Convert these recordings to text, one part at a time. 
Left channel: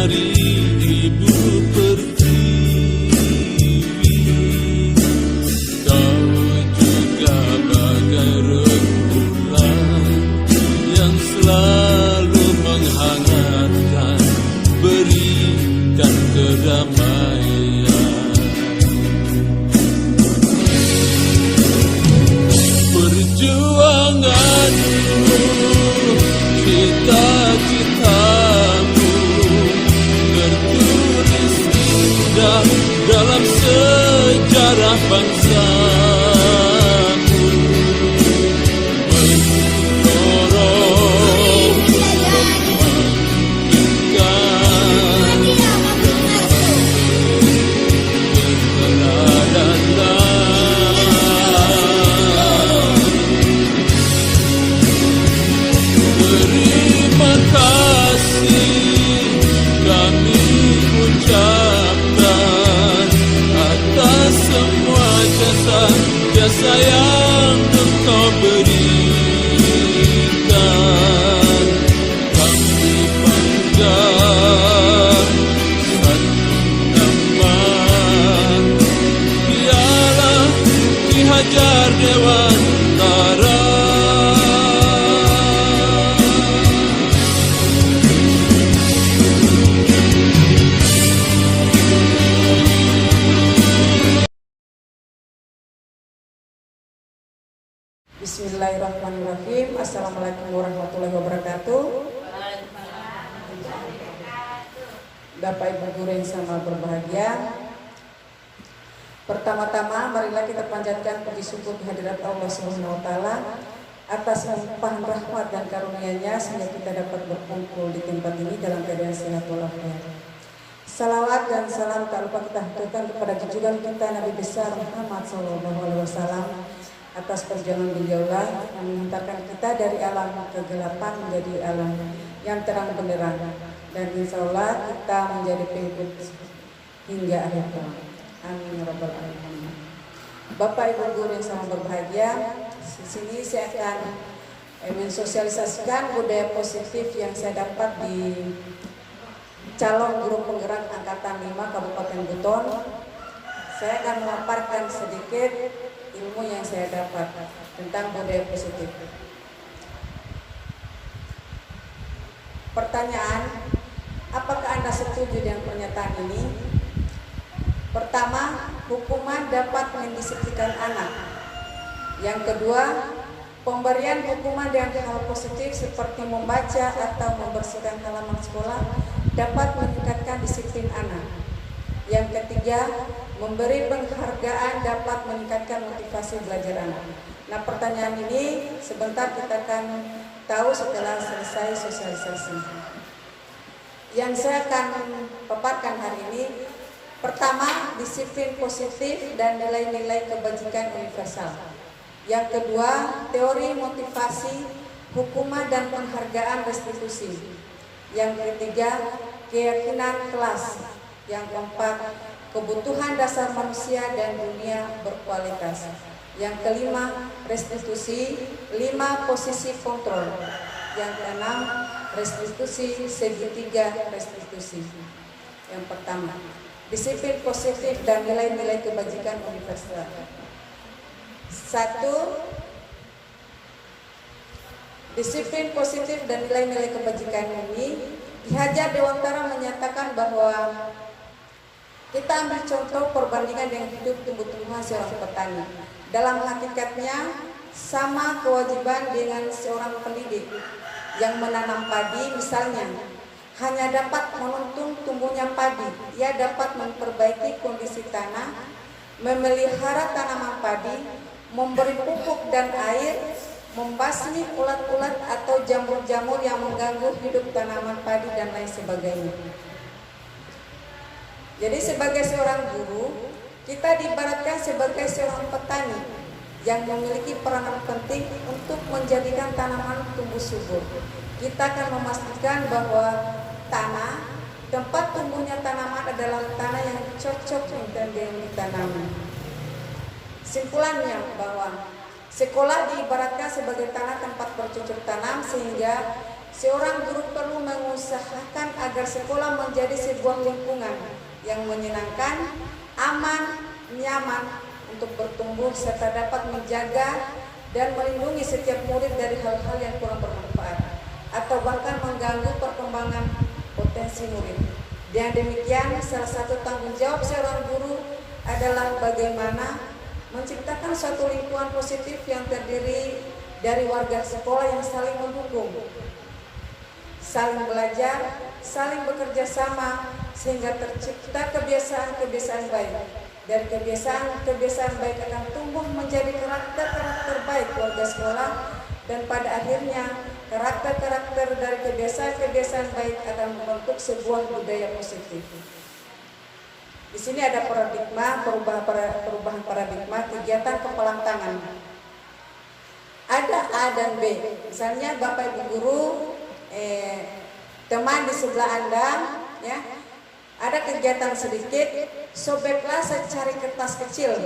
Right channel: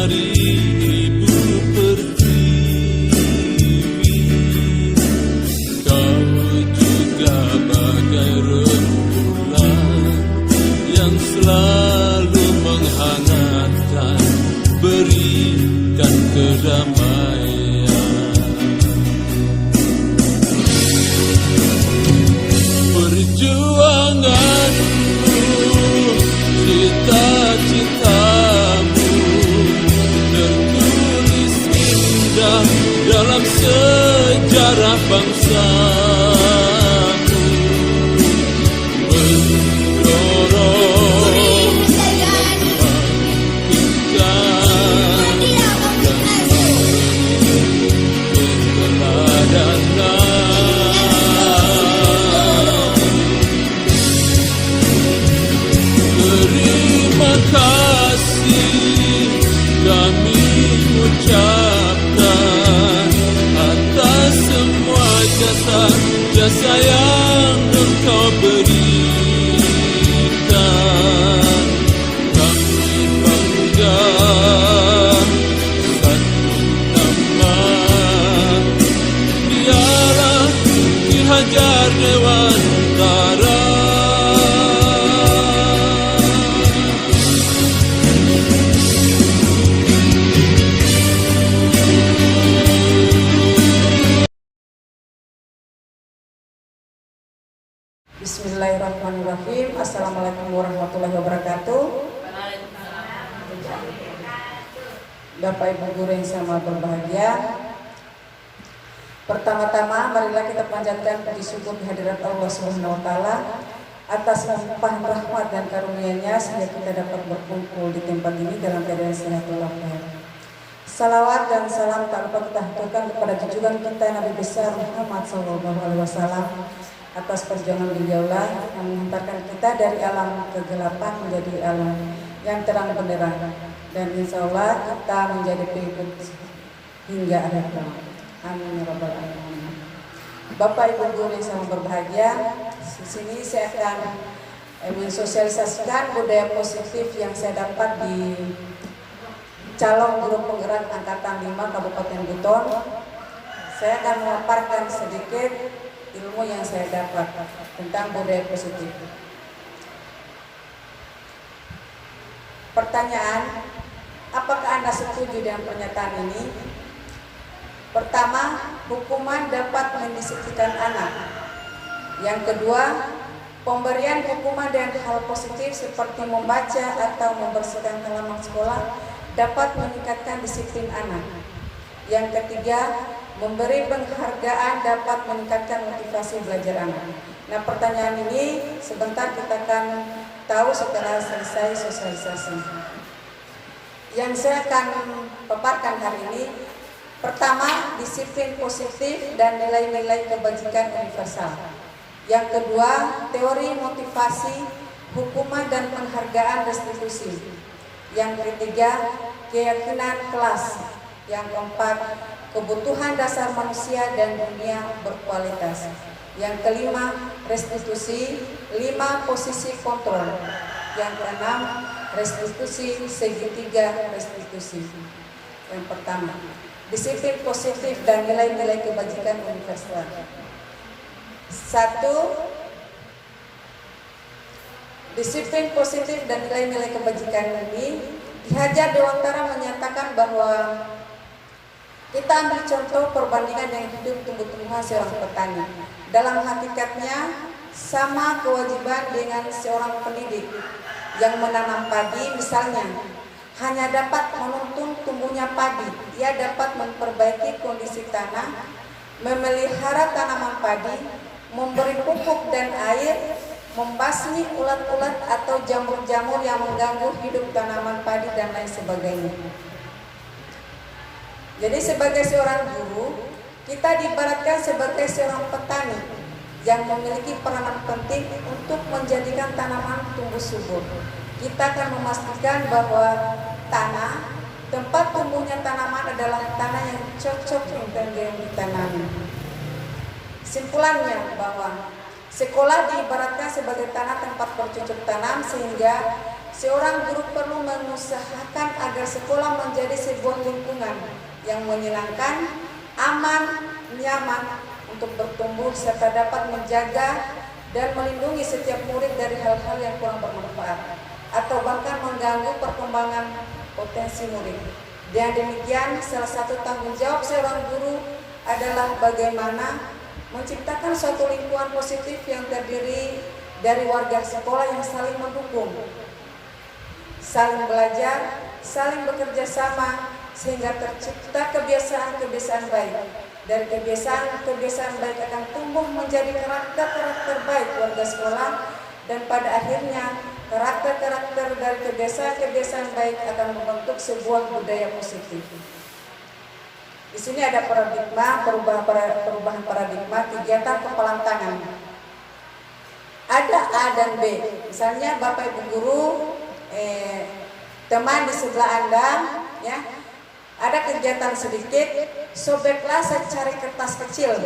Hari Ibu Pertiwi, kau juga bagai rembulan yang selalu menghangatkan, berikan kedamaian. Perjuanganmu, cita-citamu tertulis indah dalam sejarah bangsamu, mendorong, membangkitkan dan memberi keteladanan. Terima kasih kami ucapkan atas semua jasa yang engkau berikan. Kami bangga satu nama, dialah Ki Hajar Dewantara. Bismillahirrahmanirrahim. Assalamualaikum warahmatullahi wabarakatuh. Bapak Ibu guru yang sama berbahagia, pertama-tama marilah kita panjatkan puji syukur kehadirat Allah Subhanahu wa taala atas limpahan rahmat dan karunia-Nya sehingga kita dapat berkumpul di tempat ini dalam keadaan sehat walafiat. Salawat dan salam tak lupa kita haturkan kepada junjungan kita Nabi besar Muhammad SAW atas perjuangan beliaulah yang mengantarkan kita dari alam kegelapan menjadi alam yang terang benderang, dan insya Allah kita menjadi pengikut hingga akhir zaman. Amin ya rabbal alamin. Bapak Ibu guru yang sangat berbahagia, di sini saya akan mensosialisasikan budaya positif yang saya dapat di calon guru penggerak angkatan 5 Kabupaten Buton. Saya akan memaparkan sedikit ilmu yang saya dapat tentang budaya positif. Pertanyaan, apakah Anda setuju dengan pernyataan ini? Pertama, hukuman dapat mendisiplinkan anak. Yang kedua, pemberian hukuman dengan hal positif seperti membaca atau membersihkan halaman sekolah dapat meningkatkan disiplin anak. Yang ketiga, memberi penghargaan dapat meningkatkan motivasi belajar anak. Nah, pertanyaan ini sebentar kita akan tahu setelah selesai sosialisasi. Yang saya akan paparkan hari ini, pertama, disiplin positif dan nilai-nilai kebajikan universal. Yang kedua, teori motivasi, hukuman dan penghargaan restitusi. Yang ketiga, keyakinan kelas. Yang keempat, kebutuhan dasar manusia dan dunia berkualitas. Yang kelima, restitusi. 5, posisi kontrol. Yang keenam, restitusi segitiga restitusi. Yang pertama, disiplin positif dan nilai-nilai kebajikan universal. 1. Disiplin positif dan nilai-nilai kebajikan ini, Ki Hajar Dewantara menyatakan bahwa kita ambil contoh perbandingan dengan hidup tumbuh-tumbuhan seorang petani. Dalam hakikatnya sama kewajiban dengan seorang pendidik yang menanam padi, misalnya hanya dapat menuntun tumbuhnya padi. Ia dapat memperbaiki kondisi tanah, memelihara tanaman padi, memberi pupuk dan air, membasmi ulat-ulat atau jamur-jamur yang mengganggu hidup tanaman padi dan lain sebagainya. Jadi sebagai seorang guru, kita diibaratkan sebagai seorang petani yang memiliki peranan penting untuk menjadikan tanaman tumbuh subur. Kita akan memastikan bahwa tanah, tempat tumbuhnya tanaman adalah tanah yang cocok untuk ditanami. Simpulannya bahwa sekolah diibaratkan sebagai tanah tempat bercocok tanam, sehingga seorang guru perlu perlu mengusahakan agar sekolah menjadi sebuah lingkungan yang menyenangkan, aman, nyaman untuk bertumbuh serta dapat menjaga dan melindungi setiap murid dari hal-hal yang kurang bermanfaat atau bahkan mengganggu perkembangan potensi murid. Dan demikian, salah satu tanggung jawab seorang guru adalah bagaimana menciptakan suatu lingkungan positif yang terdiri dari warga sekolah yang saling mendukung, saling belajar, saling bekerja sama, sehingga tercipta kebiasaan-kebiasaan baik. Dari kebiasaan-kebiasaan baik akan tumbuh menjadi karakter-karakter baik warga sekolah, dan pada akhirnya karakter-karakter dari kebiasaan-kebiasaan baik akan membentuk sebuah budaya positif. Di sini ada paradigma, perubahan paradigma kegiatan kepalang tangan. Ada A dan B. Misalnya Bapak Ibu guru, teman di sebelah Anda, ya, ada kegiatan sedikit, sobeklah secari kertas kecil.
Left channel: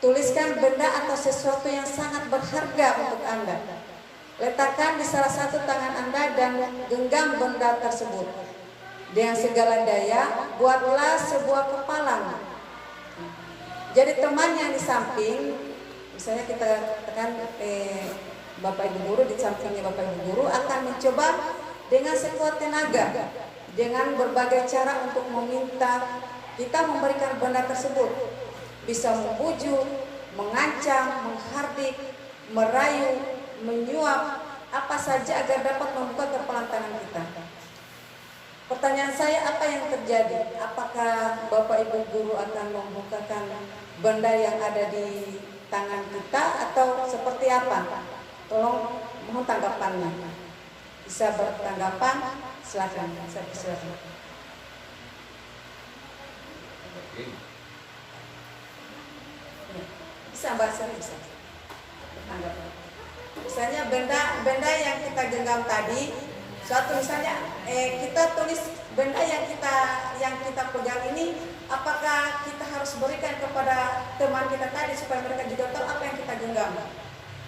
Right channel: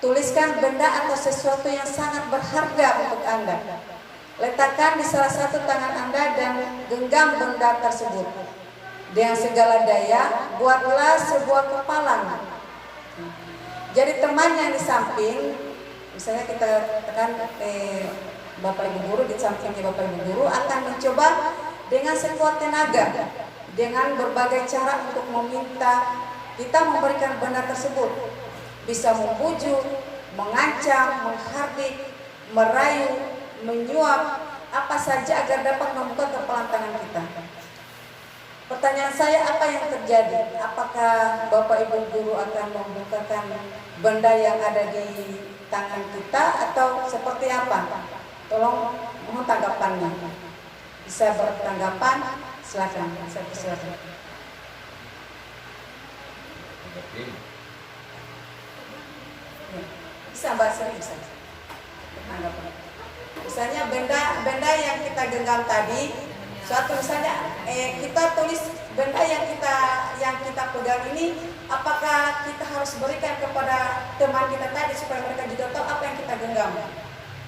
Tuliskan benda atau sesuatu yang sangat berharga untuk Anda. Letakkan di salah satu tangan Anda dan genggam benda tersebut. Dengan segala daya, buatlah sebuah kepalang. Jadi teman yang di samping, misalnya kita tekan Bapak Ibu guru, di sampingnya Bapak Ibu guru akan mencoba dengan sekuat tenaga, dengan berbagai cara untuk meminta kita memberikan benda tersebut. Bisa membujuk, mengancam, menghardik, merayu, menyuap, apa saja agar dapat membuka kepalang tangan kita. Pertanyaan saya, apa yang terjadi? Apakah Bapak Ibu guru akan membukakan benda yang ada di tangan kita atau seperti apa? Tolong mohon tanggapannya. Bisa bertanggapan? Silakan. Saya persilakan. Bisa Mbak Sri, bisa. Tanggapan. Misalnya benda yang kita genggam tadi. Suatu misalnya kita tulis benda yang kita pegang ini, apakah kita harus berikan kepada teman kita tadi supaya mereka juga tahu apa yang kita genggam,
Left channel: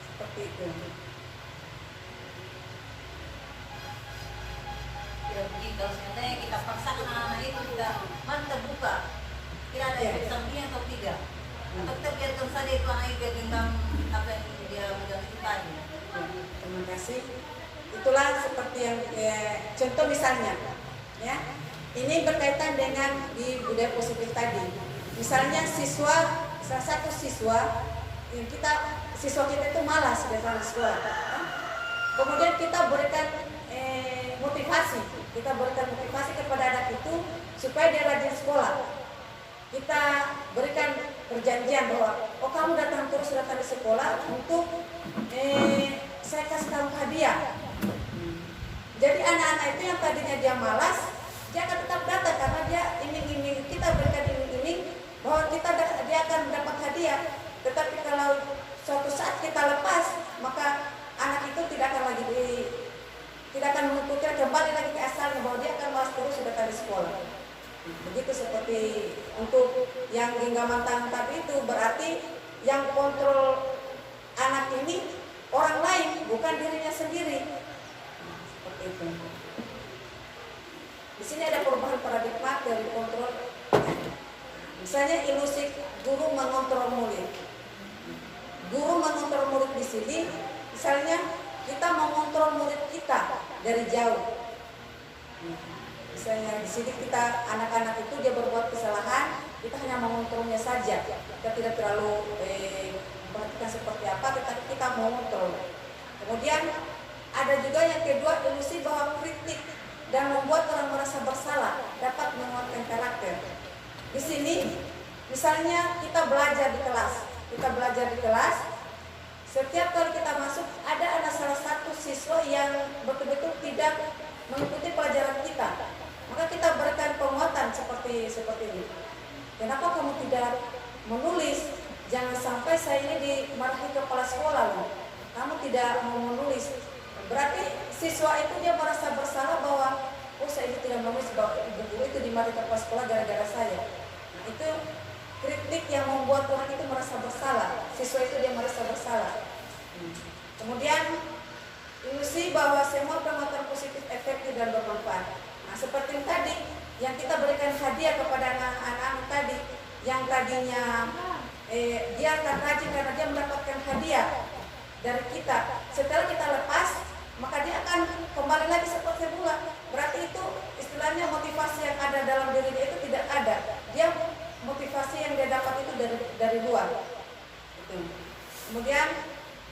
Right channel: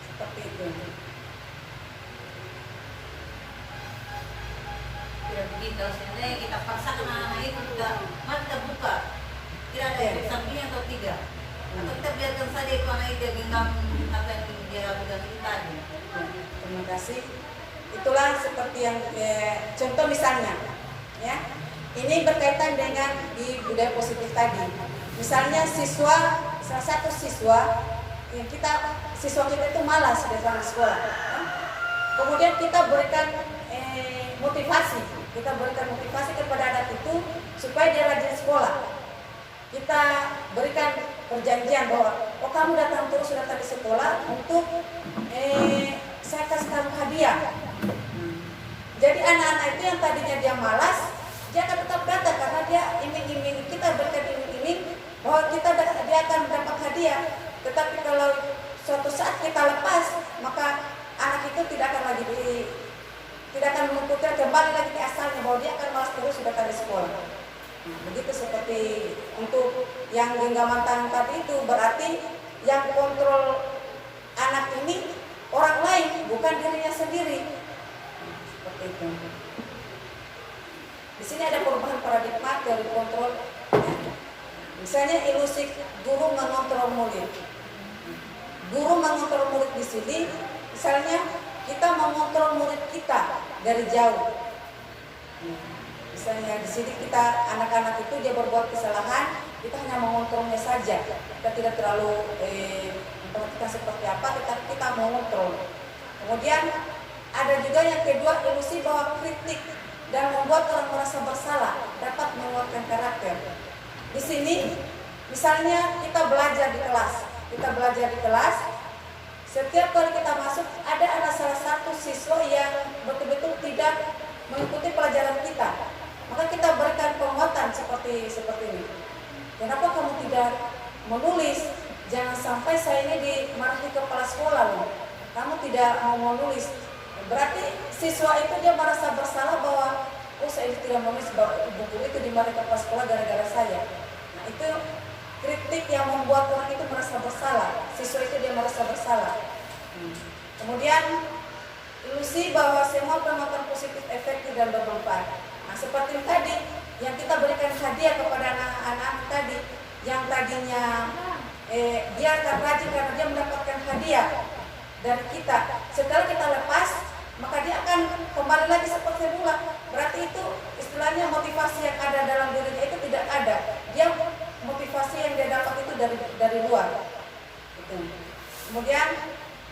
seperti itu. Kita sebenarnya kita paksakan anak-anak itu kita mana buka, kira ada efek sampingnya atau tidak, atau kita biarkan saja itu anak itu genggam apa yang dia pegang itu tadi. Terima kasih. Itulah seperti yang contoh misalnya, ya. Ini berkaitan dengan di budaya positif tadi. Misalnya salah satu siswa kita itu malas datang ke sekolah. Ya. Kemudian kita berikan motivasi kepada anak itu supaya dia rajin sekolah. Kita berikan perjanjian bahwa kamu datang di sekolah untuk saya kasih kamu hadiah. Jadi anak-anak itu yang tadinya dia malas, dia akan tetap datang karena dia iming-iming, kita berikan iming-iming bahwa dia akan mendapat hadiah. Tetapi kalau suatu saat kita lepas, maka anak itu tidak akan mengikuti kembali lagi ke asalnya, bahwa dia akan malas terus sudah dari sekolah. Begitu seperti untuk yang genggaman tangan tadi itu, berarti yang kontrol anak ini orang lain, bukan dirinya sendiri. Seperti itu. Di sini ada perubahan paradigma dari kontrol. Misalnya ilusi guru mengontrol murid. Guru mengontrol murid di sini, misalnya kita mengontrol murid kita dari jauh. Misalnya di sini kita anak-anak itu dia berbuat kesalahan, kita hanya mengontrolnya saja. Kita tidak terlalu memperhatikan seperti apa, tetapi kita mengontrol. Kemudian ada juga yang kedua, ilusi bahwa kritik dan membuat orang merasa bersalah dapat menguatkan karakter. Di sini misalnya kita belajar di kelas, setiap kali kita masuk ada salah satu siswa yang betul-betul tidak mengikuti pelajaran kita, maka kita berikan penguatan seperti ini. Kenapa kamu tidak menulis? Jangan sampai saya ini dimarahi kepala sekolah loh. Kamu tidak mau menulis. Berarti siswa itu dia merasa bersalah bahwa saya ini tidak menulis, bahwa ibu guru itu dimarahi kepala sekolah gara-gara saya. Nah, itu kritik yang membuat orang itu merasa bersalah. Siswa itu dia merasa bersalah. Kemudian Ilusi bahwa semua penonton positif, efektif dan bermanfaat. Nah, seperti tadi yang kita berikan hadiah kepada anak-anak tadi, yang tadinya dia akan rajin karena dia mendapatkan hadiah dari kita. Setelah kita lepas, maka dia akan kembali lagi seperti semula. Berarti itu istilahnya motivasi yang ada dalam dirinya itu tidak ada. Dia motivasi yang dia dapat itu dari luar. Itu. Kemudian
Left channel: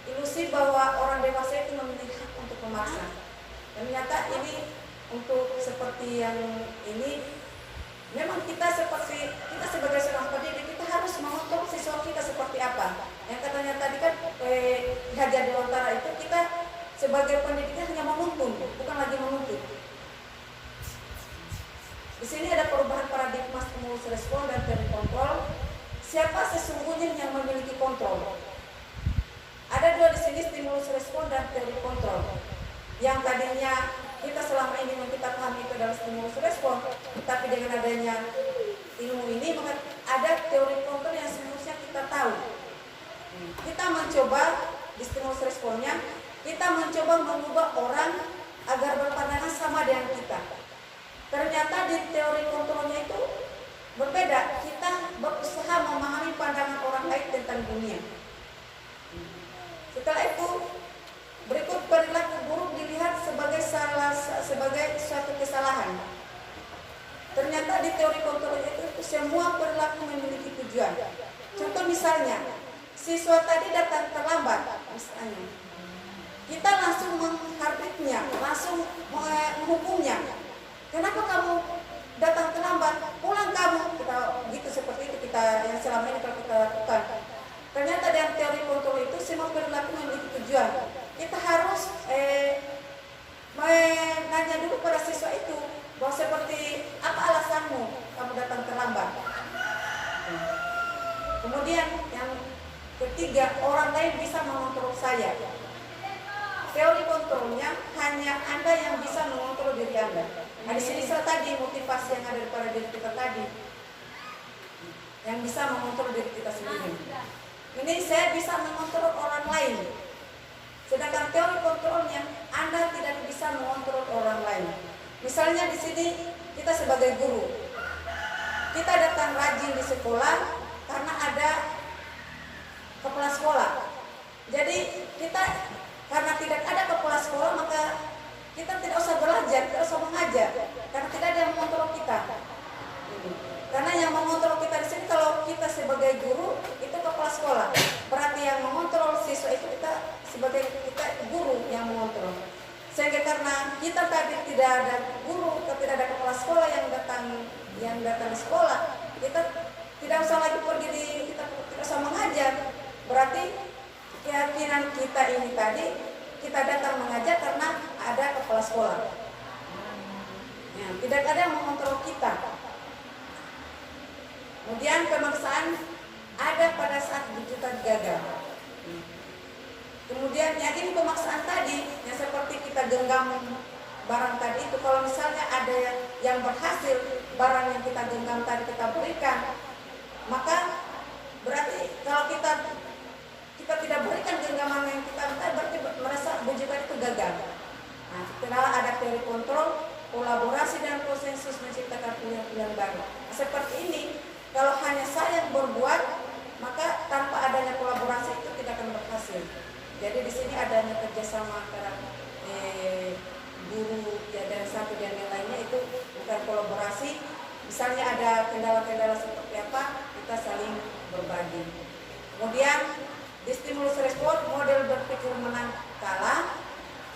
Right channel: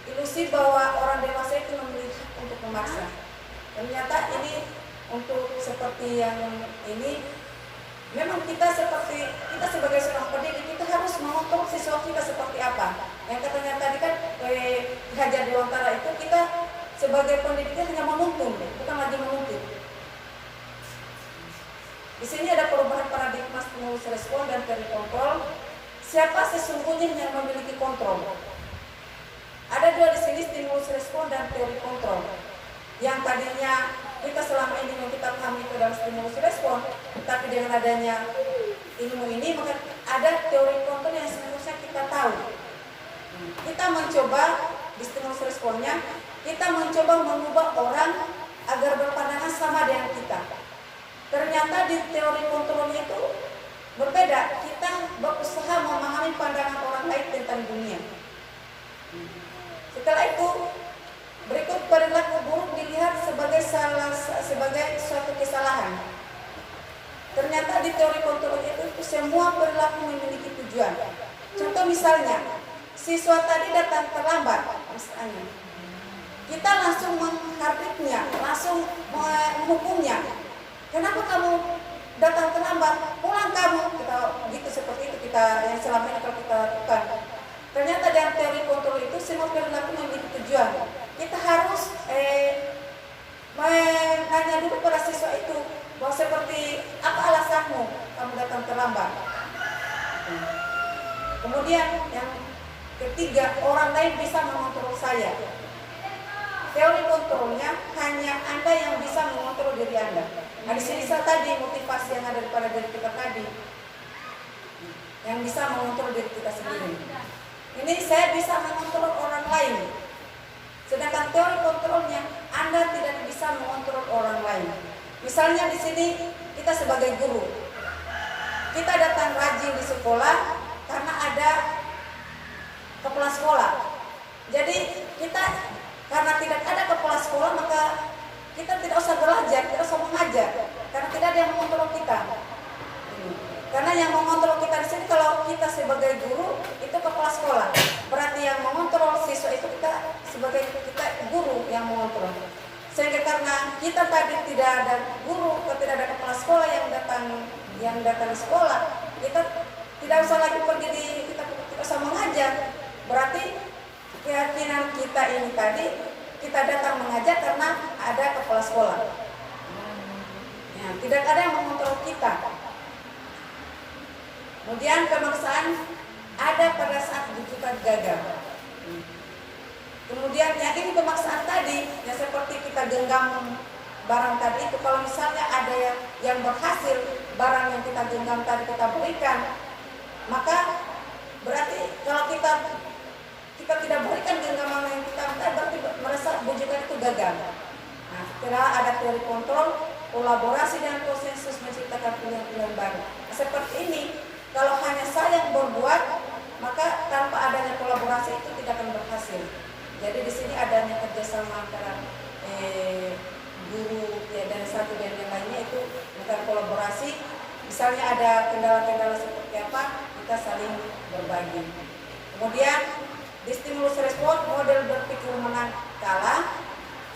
ilusi bahwa orang dewasa itu memiliki hak untuk memaksa. Ternyata ini untuk seperti yang ini, memang kita sebagai seorang pendidik kita harus mengontrol siswa kita seperti apa. Yang katanya tadi kan Hajar Dewantara itu kita sebagai pendidik hanya menuntun, bukan lagi menuntut. Di sini ada perubahan paradigma stimulus respon dan teori kontrol. Siapa sesungguhnya yang memiliki kontrol? Ada dua di sini, stimulus respon dan teori kontrol. Yang tadinya kita selama ini yang kita pahami itu adalah stimulus respon, tapi dengan adanya ilmu ini maka ada teori kontrol yang seharusnya kita tahu. Kita mencoba di stimulus responnya, kita mencoba mengubah orang agar berpandangan sama dengan kita. Ternyata di teori kontrolnya itu berbeda. Kita berusaha memahami pandangan orang lain tentang dunia. Setelah itu berikut perilaku buruk dilihat sebagai suatu kesalahan. Ternyata di teori kontrolnya itu semua perilaku memiliki tujuan. Contoh misalnya, siswa tadi datang terlambat, misalnya, kita langsung menghardiknya, langsung menghukumnya. Kenapa kamu datang terlambat? Pulang kamu. Kita gitu seperti itu kita yang selama ini kalau kita lakukan. Ternyata dalam teori kontrol itu semua perilaku memiliki tujuan. Kita harus menanya dulu pada siswa itu bahwa seperti apa alasanmu kamu datang terlambat. Kemudian yang ketiga, orang lain bisa mengontrol saya. Teori kontrolnya hanya Anda yang bisa mengontrol diri Anda. Nah, di sini tadi motivasi yang ada pada diri kita tadi, yang bisa mengontrol diri kita sendiri. Ini saya bisa mengontrol orang lain. Sedangkan teori kontrolnya Anda tidak bisa mengontrol orang lain. Misalnya di sini kita sebagai guru, kita datang rajin di sekolah karena ada kepala sekolah. Jadi kita karena tidak ada kepala sekolah maka kita tidak usah belajar, tidak usah mengajar karena tidak ada yang mengontrol kita. Karena yang mengontrol kita di sini kalau kita sebagai guru itu kepala sekolah. Berarti yang mengontrol siswa itu kita sebagai guru yang mengontrol. Sehingga karena kita tadi tidak ada guru atau tidak ada kepala sekolah yang datang di sekolah, kita tidak usah lagi kita tidak usah mengajar. Berarti keyakinan kita ini tadi kita datang mengajar karena ada kepala sekolah. Ya, tidak ada yang mengontrol kita. Kemudian pemaksaan ada pada saat rujukan gagal. Kemudian yang ini pemaksaan tadi yang seperti kita genggam barang tadi itu, kalau misalnya ada yang berhasil barang yang kita genggam tadi kita berikan, maka berarti kalau kita tidak berikan genggaman yang kita minta berarti merasa bujukan itu gagal. Nah, setelah ada teori kontrol, kolaborasi dan konsensus menciptakan pilihan-pilihan baru. Nah, seperti ini, kalau hanya saya yang berbuat, maka tanpa adanya kolaborasi itu tidak akan berhasil. Jadi di sini adanya kerjasama antara guru ya, dan satu dan yang lainnya itu bukan kolaborasi. Misalnya ada kendala-kendala seperti apa, kita saling berbagi. Kemudian di stimulus respon model berpikir menang kalah,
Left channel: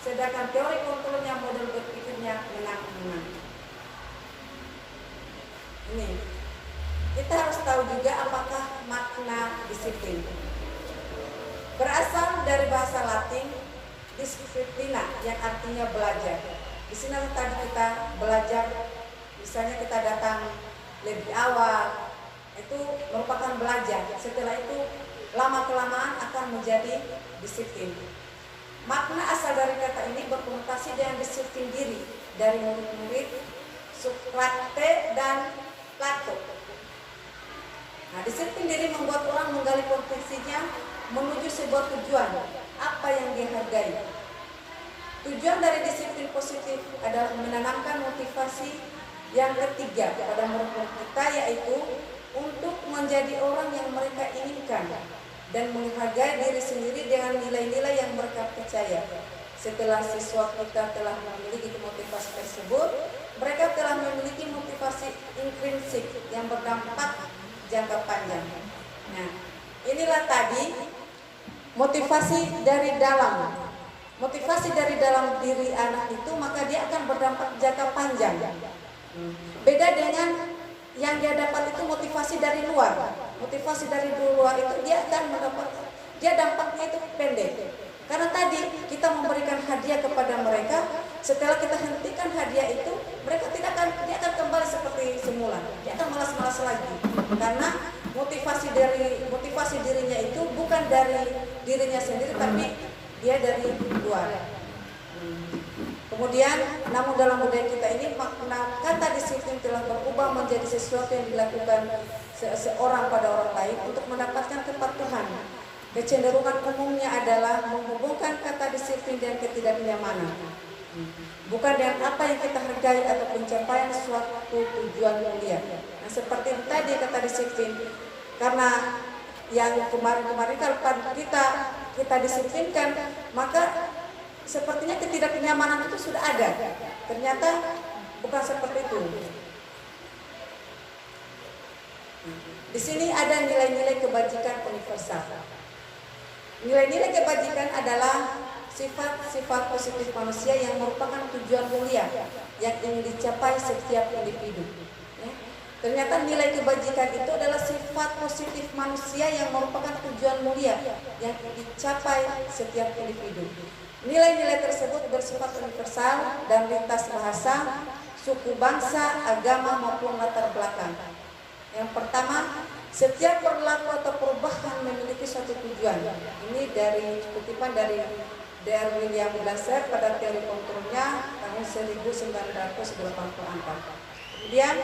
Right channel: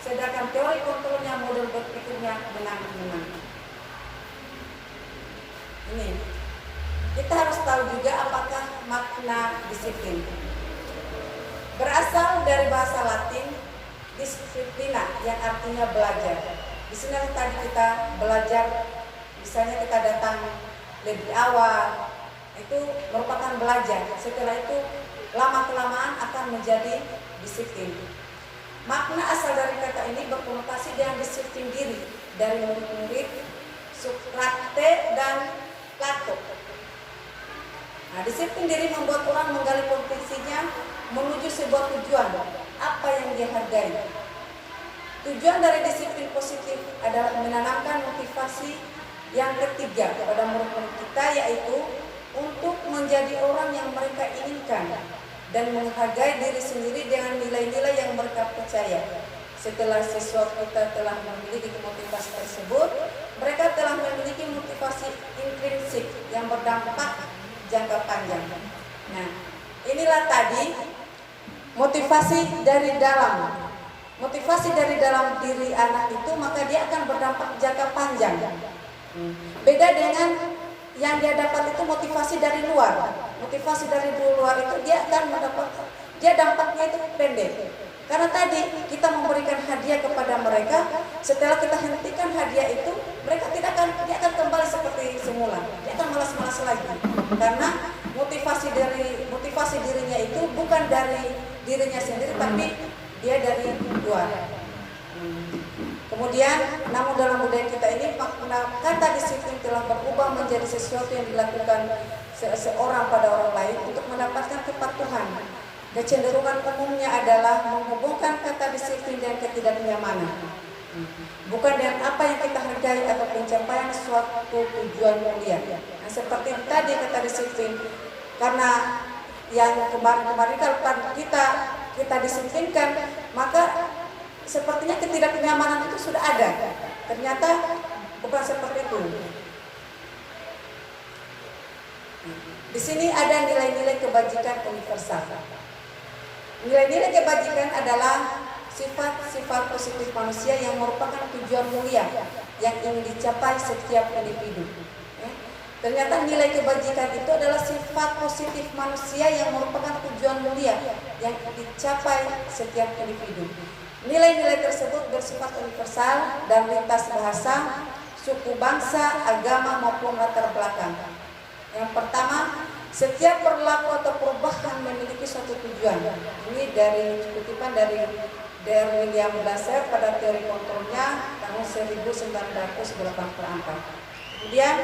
sedangkan teori kontrolnya model berpikirnya menang-menang. Ini kita harus tahu juga apakah makna disiplin. Berasal dari bahasa Latin disciplina yang artinya belajar. Di sini tadi kita belajar, misalnya kita datang lebih awal, itu merupakan belajar. Setelah itu lama-kelamaan akan menjadi disiplin. Makna asal dari kata ini berkonotasi dengan disiplin diri dari murid-murid Sokrates dan Plato. Nah, disiplin diri membuat orang menggali potensinya menuju sebuah tujuan, apa yang dia hargai. Tujuan dari disiplin positif adalah menanamkan motivasi yang ketiga kepada murid-murid kita, yaitu untuk menjadi orang yang mereka inginkan dan menghargai diri sendiri dengan nilai-nilai yang mereka percaya. Setelah siswa kita telah memiliki motivasi tersebut, mereka telah memiliki motivasi intrinsik yang berdampak jangka panjang. Nah, inilah tadi motivasi dari dalam. Motivasi dari dalam diri anak itu, maka dia akan berdampak jangka panjang. Beda dengan yang dia dapat itu motivasi dari luar. Motivasi dari luar itu dia akan mendapat, dia dampaknya itu pendek. Karena tadi kita memberikan hadiah kepada mereka, setelah kita hentikan hadiah itu, mereka dia akan kembali seperti semula. Dia akan malas-malas lagi. Karena motivasi dirinya itu bukan dari dirinya sendiri, tapi dia dari luar. Kemudian, namun dalam budaya kita ini makna kata disiplin telah berubah menjadi sesuatu yang dilakukan seorang pada orang lain untuk mendapatkan kepatuhan. Kecenderungan umumnya adalah menghubungkan kata disiplin dan ketidaknyamanan, bukan dengan apa yang kita hargai atau pencapaian suatu tujuan mulia. Nah, seperti tadi kata disiplin, karena yang kemarin kalau kita disiplinkan, maka sepertinya ketidaknyamanan itu sudah ada. Ternyata bukan seperti itu. Di sini ada nilai-nilai kebajikan universal. Nilai-nilai kebajikan adalah sifat-sifat positif manusia yang merupakan tujuan mulia yang ingin dicapai setiap individu. Ternyata nilai kebajikan itu adalah sifat positif manusia yang merupakan tujuan mulia yang dicapai setiap individu. Nilai-nilai tersebut bersifat universal dan lintas bahasa, suku, bangsa, agama maupun latar belakang. Yang pertama, setiap perilaku atau perubahan memiliki suatu tujuan. Ini dari kutipan dari William Glasser pada teori kontrolnya tahun 1984. Kemudian,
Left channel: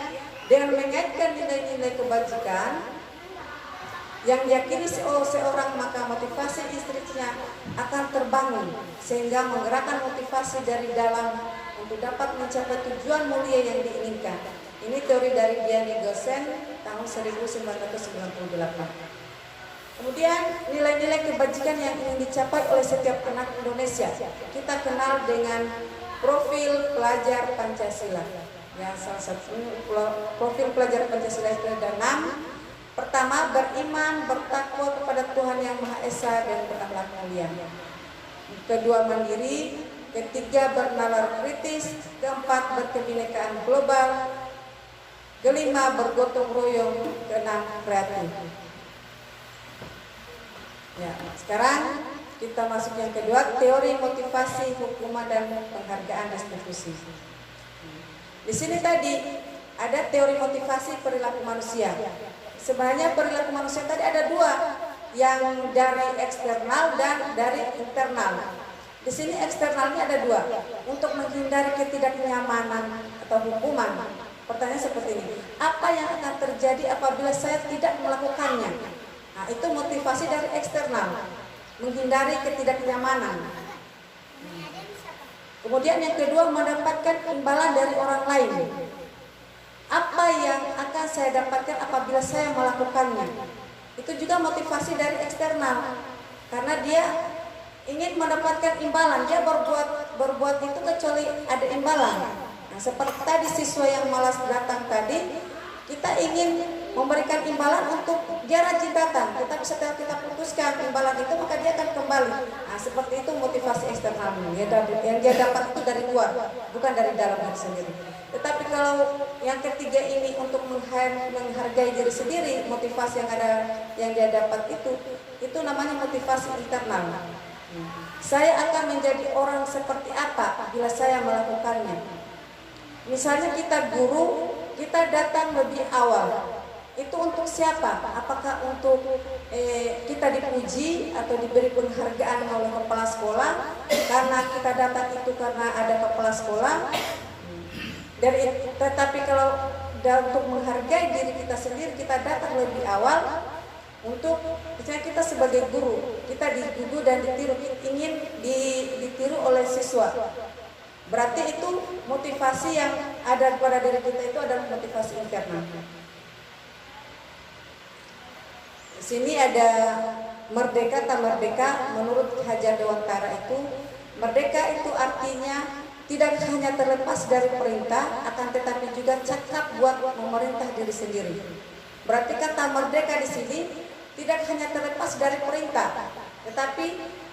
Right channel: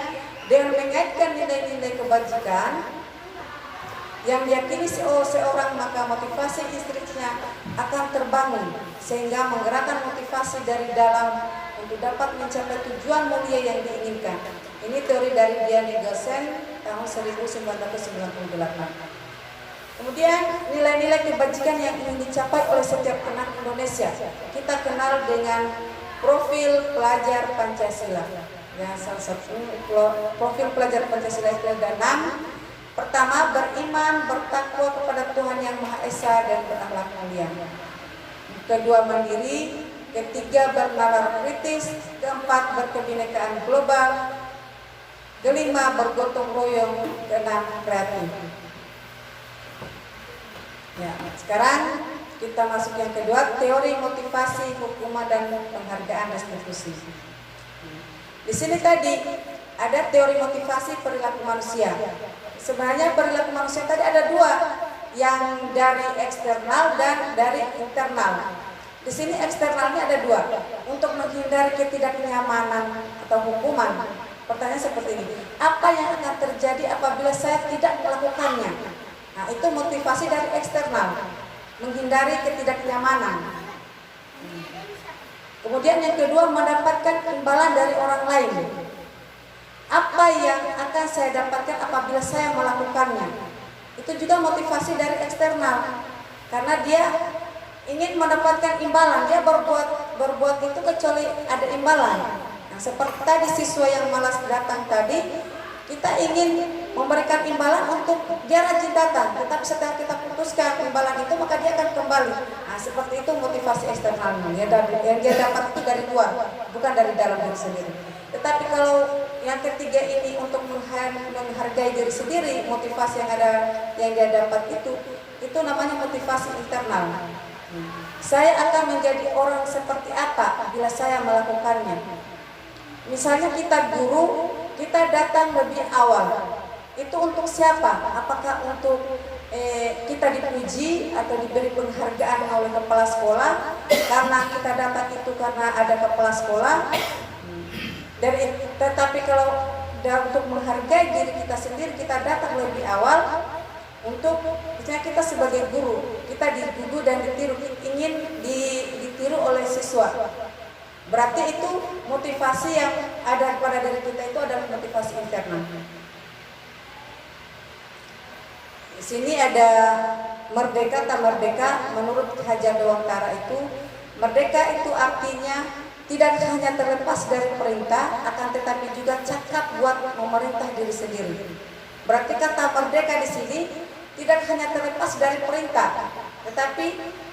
dengan mengaitkan nilai-nilai kebajikan yang diyakini seorang, maka motivasi istrinya akan terbangun sehingga menggerakkan motivasi dari dalam untuk dapat mencapai tujuan mulia yang diinginkan. Ini teori dari Diane Gosen tahun 1998. Kemudian nilai-nilai kebajikan yang ingin dicapai oleh setiap anak Indonesia, kita kenal dengan profil pelajar Pancasila. Ya, salah satu profil pelajar Pancasila itu ada 6. Pertama, beriman, bertakwa kepada Tuhan Yang Maha Esa dan berakhlak mulia. Kedua, mandiri. Ketiga, bernalar kritis. Keempat, berkebinekaan global. Kelima, bergotong royong. Keenam, kreatif. Ya, sekarang kita masuk yang kedua, teori motivasi, hukuman dan penghargaan restitusi. Di sini tadi ada teori motivasi perilaku manusia. Sebenarnya perilaku manusia tadi ada dua, yang dari eksternal dan dari internal. Di sini eksternalnya ada dua, untuk menghindari ketidaknyamanan atau hukuman. Pertanyaan seperti ini, apa yang akan terjadi apabila saya tidak melakukannya? Nah, itu motivasi dari eksternal, menghindari ketidaknyamanan. Kemudian yang kedua, mendapatkan imbalan dari orang lain. Apa yang akan saya dapatkan apabila saya melakukannya? Itu juga motivasi dari eksternal, karena dia ingin mendapatkan imbalan. Dia berbuat itu kecuali ada imbalan. Nah, seperti tadi siswa yang malas datang tadi, kita ingin memberikan imbalan untuk dia rajin datang. Tetapi setelah kita putuskan imbalan itu, maka dia akan kembali. Nah, seperti itu motivasi eksternalnya. Yang dia dapat itu dari luar, bukan dari dalam diri sendiri. Tetapi kalau yang ketiga ini untuk menghargai diri sendiri, motivasi yang dia dapat itu namanya motivasi internal. Saya akan menjadi orang seperti apa bila saya melakukannya. Misalnya kita guru, kita datang lebih awal. Itu untuk siapa? Apakah untuk kita dipuji atau diberi penghargaan oleh kepala sekolah karena kita dapat itu karena ada kepala sekolah? Tetapi kalau untuk menghargai diri kita sendiri, kita datang lebih awal, untuk misalnya kita sebagai guru, kita dituduh dan ditiru, ingin ditiru oleh siswa. Berarti itu motivasi yang ada pada diri kita itu adalah motivasi internal. Di sini ada merdeka tak merdeka. Menurut Ki Hajar Dewantara itu, merdeka itu artinya tidak hanya terlepas dari perintah, akan tetapi juga cakap buat memerintah diri sendiri. Berarti kata merdeka di sini tidak hanya terlepas dari perintah, tetapi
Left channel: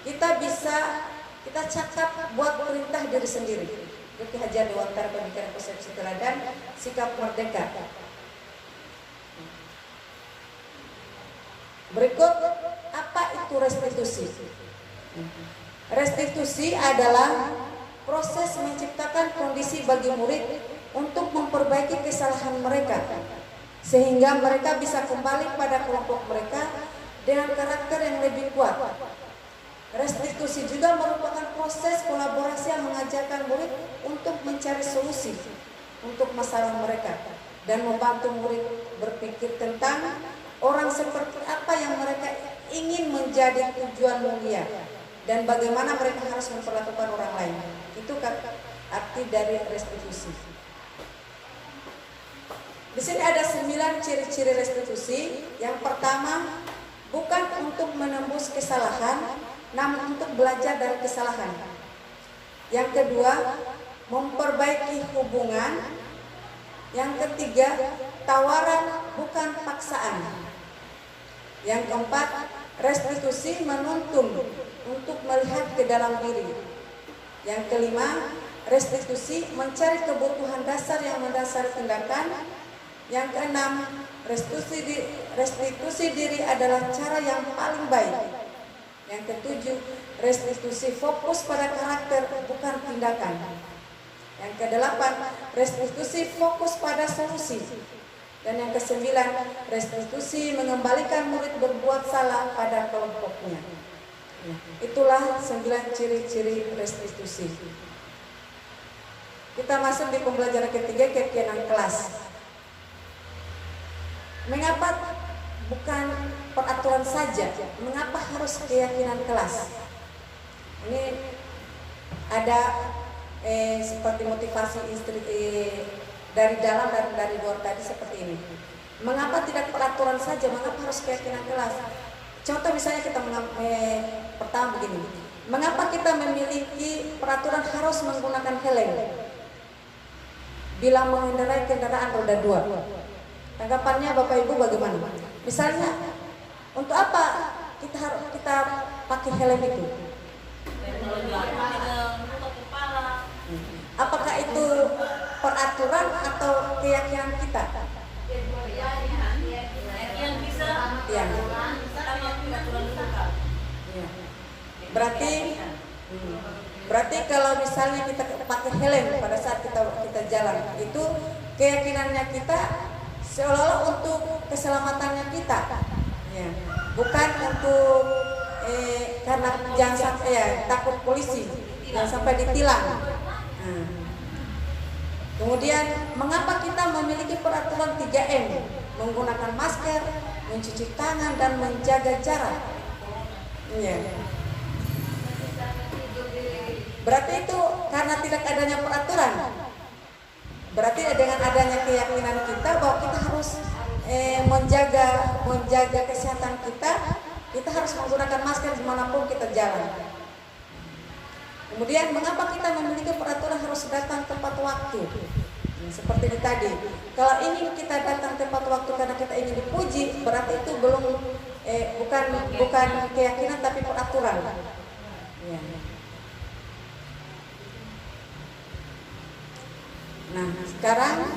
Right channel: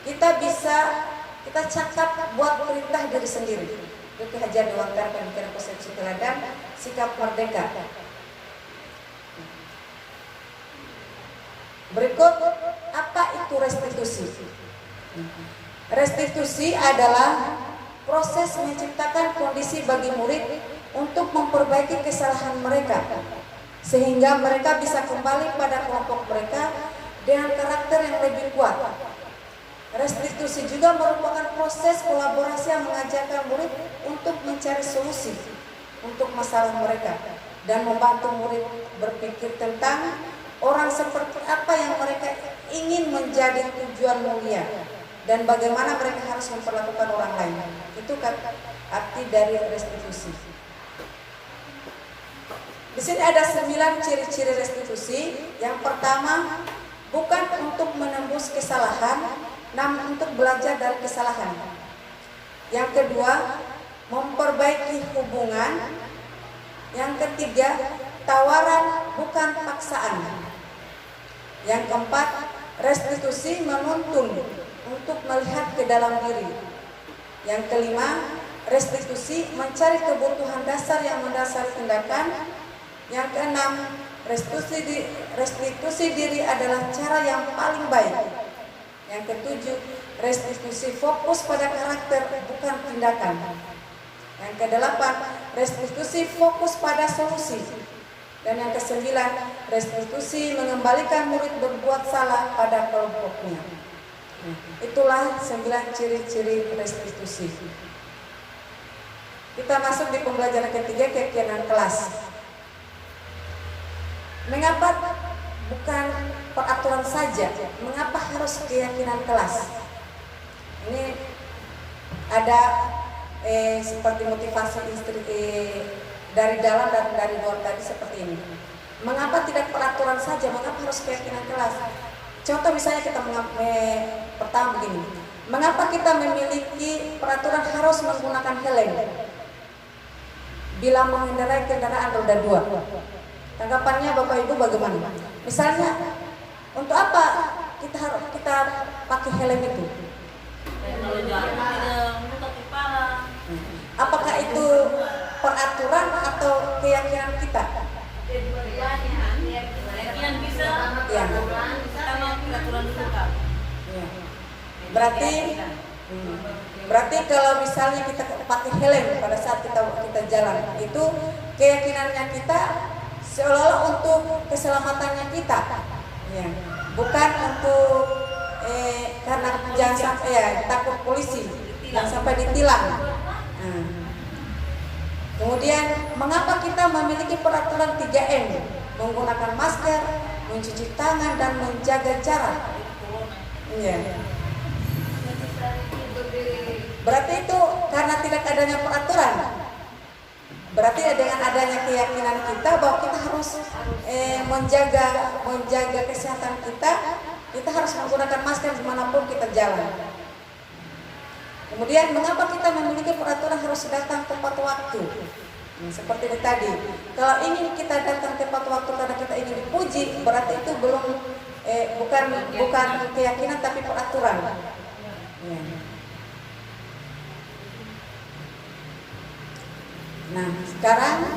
kita cakap buat perintah diri sendiri. Itu Ki Hajar Dewantara Pemikiran Persepsi Teladan Sikap Merdeka. Berikut, apa itu restitusi? Restitusi adalah proses menciptakan kondisi bagi murid untuk memperbaiki kesalahan mereka, sehingga mereka bisa kembali pada kelompok mereka dengan karakter yang lebih kuat. Restitusi juga merupakan proses kolaborasi yang mengajarkan murid untuk mencari solusi untuk masalah mereka dan membantu murid berpikir tentang orang seperti apa yang mereka ingin menjadi tujuan mulia dan bagaimana mereka harus memperlakukan orang lain. Itu kan arti dari restitusi. Di sini ada 9 ciri-ciri restitusi. Yang pertama, bukan untuk menembus kesalahan, namun untuk belajar dari kesalahan. Yang kedua, memperbaiki hubungan. Yang ketiga, tawaran bukan paksaan. Yang keempat, restitusi menuntun untuk melihat ke dalam diri. Yang kelima, restitusi mencari kebutuhan dasar yang mendasari tindakan. Yang keenam, restitusi diri adalah cara yang paling baik. Yang ketujuh, restitusi fokus pada karakter bukan tindakan. Yang kedelapan, restitusi fokus pada solusi. Dan yang kesembilan, restitusi mengembalikan murid berbuat salah pada kelompoknya. Itulah 9 ciri-ciri restitusi. Kita masuk di pembelajaran ketiga, keyakinan kelas. Mengapa bukan peraturan saja? Mengapa harus keyakinan kelas? Ini ada seperti motivasi dari dalam dan dari luar tadi seperti ini. Mengapa tidak peraturan saja? Mengapa harus keyakinan kelas? Contoh misalnya kita pertama begini. Mengapa kita memiliki peraturan harus menggunakan helm bila mengendarai kendaraan roda 2? Tanggapannya Bapak Ibu bagaimana? Misalnya, untuk apa kita pakai helm itu? Kalau jalan tidak menutup kepala. Apakah itu peraturan atau keyakinan kita? Keyakinan bisa. Ya. Sama peraturan juga. Berarti kalau misalnya kita pakai helm pada saat kita jalan, itu keyakinannya kita seolah-olah untuk keselamatannya kita, ya. Bukan untuk karena jangan sampai takut polisi, jangan sampai ditilang. Kemudian mengapa kita memiliki peraturan 3M, menggunakan masker, mencuci tangan dan menjaga jarak? Ya. Berarti itu karena tidak adanya peraturan. Berarti dengan adanya keyakinan kita bahwa kita harus menjaga kesehatan kita harus menggunakan masker dimanapun kita jalan. Kemudian mengapa kita memiliki peraturan harus datang tepat waktu? Seperti ini tadi, kalau ingin kita datang tepat waktu karena kita ingin dipuji, berarti itu belum bukan keyakinan tapi peraturan. Ya. Nah, sekarang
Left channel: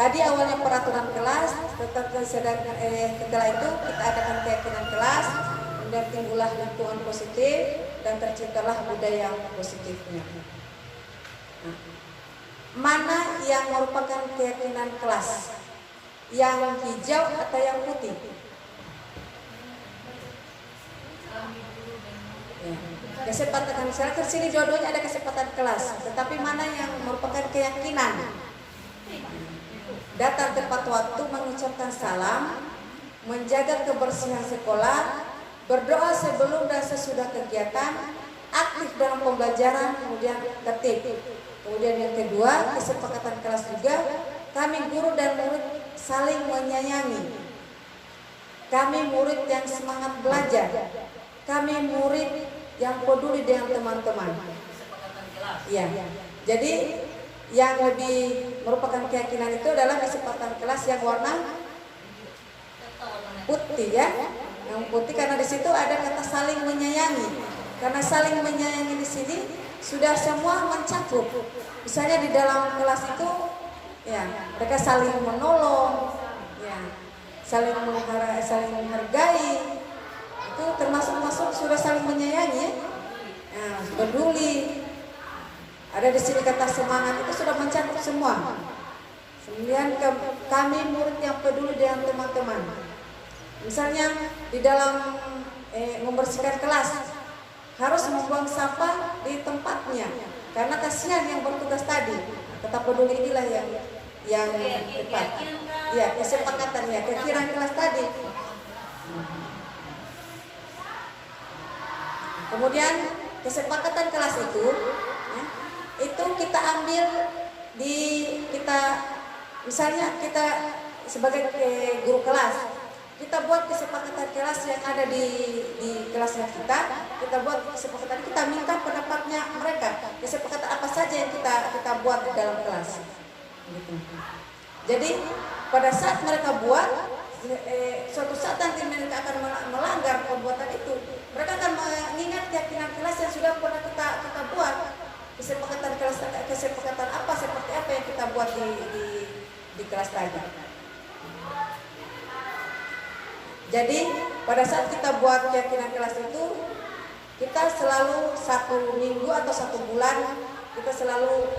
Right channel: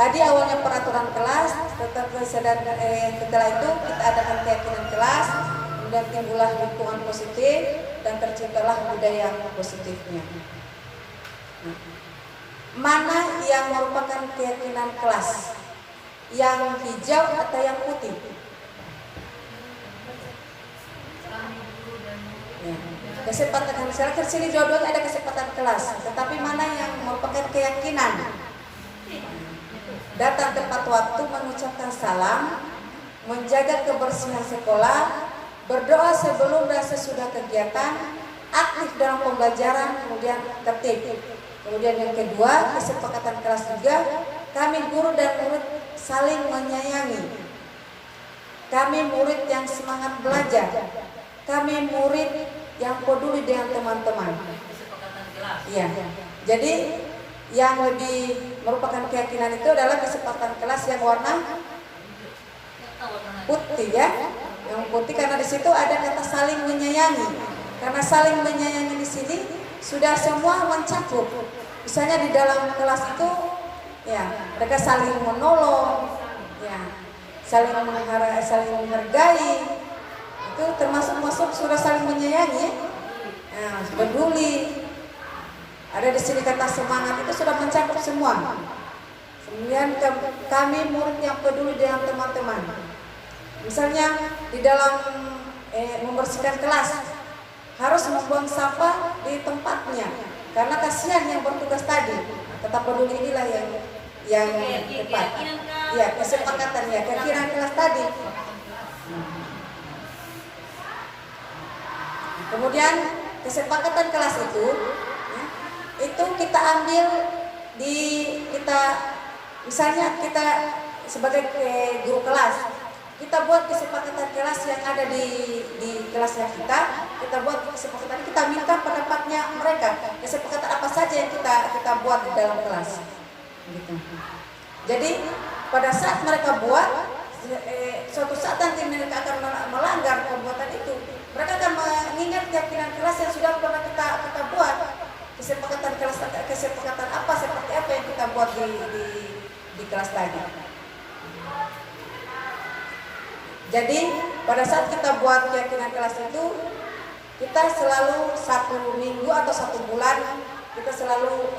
tadi awalnya peraturan kelas, setelah itu kita adakan keyakinan kelas, kemudian timbullah lingkungan positif dan terciptalah budaya positifnya. Nah, mana yang merupakan keyakinan kelas? Yang hijau atau yang putih? Ya. Kesempatan misalnya ke sini jodohnya ada kesempatan kelas, tetapi mana yang merupakan keyakinan? Datang tepat waktu, mengucapkan salam, menjaga kebersihan sekolah, berdoa sebelum dan sesudah kegiatan, aktif dalam pembelajaran, kemudian tertib. Kemudian yang kedua, kesepakatan kelas juga, kami guru dan murid saling menyayangi. Kami murid yang semangat belajar. Kami murid yang peduli dengan teman-teman. Kesepakatan kelas. Iya. Jadi yang lebih merupakan keyakinan itu adalah kesepakatan kelas yang warna putih ya. Yang putih karena di situ ada kata saling menyayangi. Karena saling menyayangi di sini sudah semua mencakup. Misalnya di dalam kelas itu ya, mereka saling menolong, ya, saling menghargai. Itu termasuk sudah saling menyayangi ya. Ya, peduli. Ada di sini kata semangat itu sudah mencakup semua. Kemudian kami murid yang peduli dengan teman-teman. Misalnya di dalam membersihkan kelas harus membuang sampah di tempatnya karena kasihan yang bertugas tadi. Tetap peduli inilah yang tepat. Ya, kesepakatannya, keyakinan kelas tadi. Kemudian kesepakatan kelas itu kita ambil misalnya kita sebagai guru kelas, kita buat kesepakatan kelas yang ada di kelasnya kita buat kesepakatan, kita minta pendapatnya mereka, kesepakatan apa saja yang kita buat di dalam kelas. Gitu. Jadi pada saat mereka buat, suatu saat nanti mereka akan melanggar perbuatan itu, mereka akan mengingat keyakinan kelas yang sudah pernah kita buat. Kesepakatan kelas, kesepakatan apa seperti apa yang kita buat di kelas tadi. Jadi pada saat kita buat keyakinan kelas itu, kita selalu 1 minggu atau 1 bulan kita selalu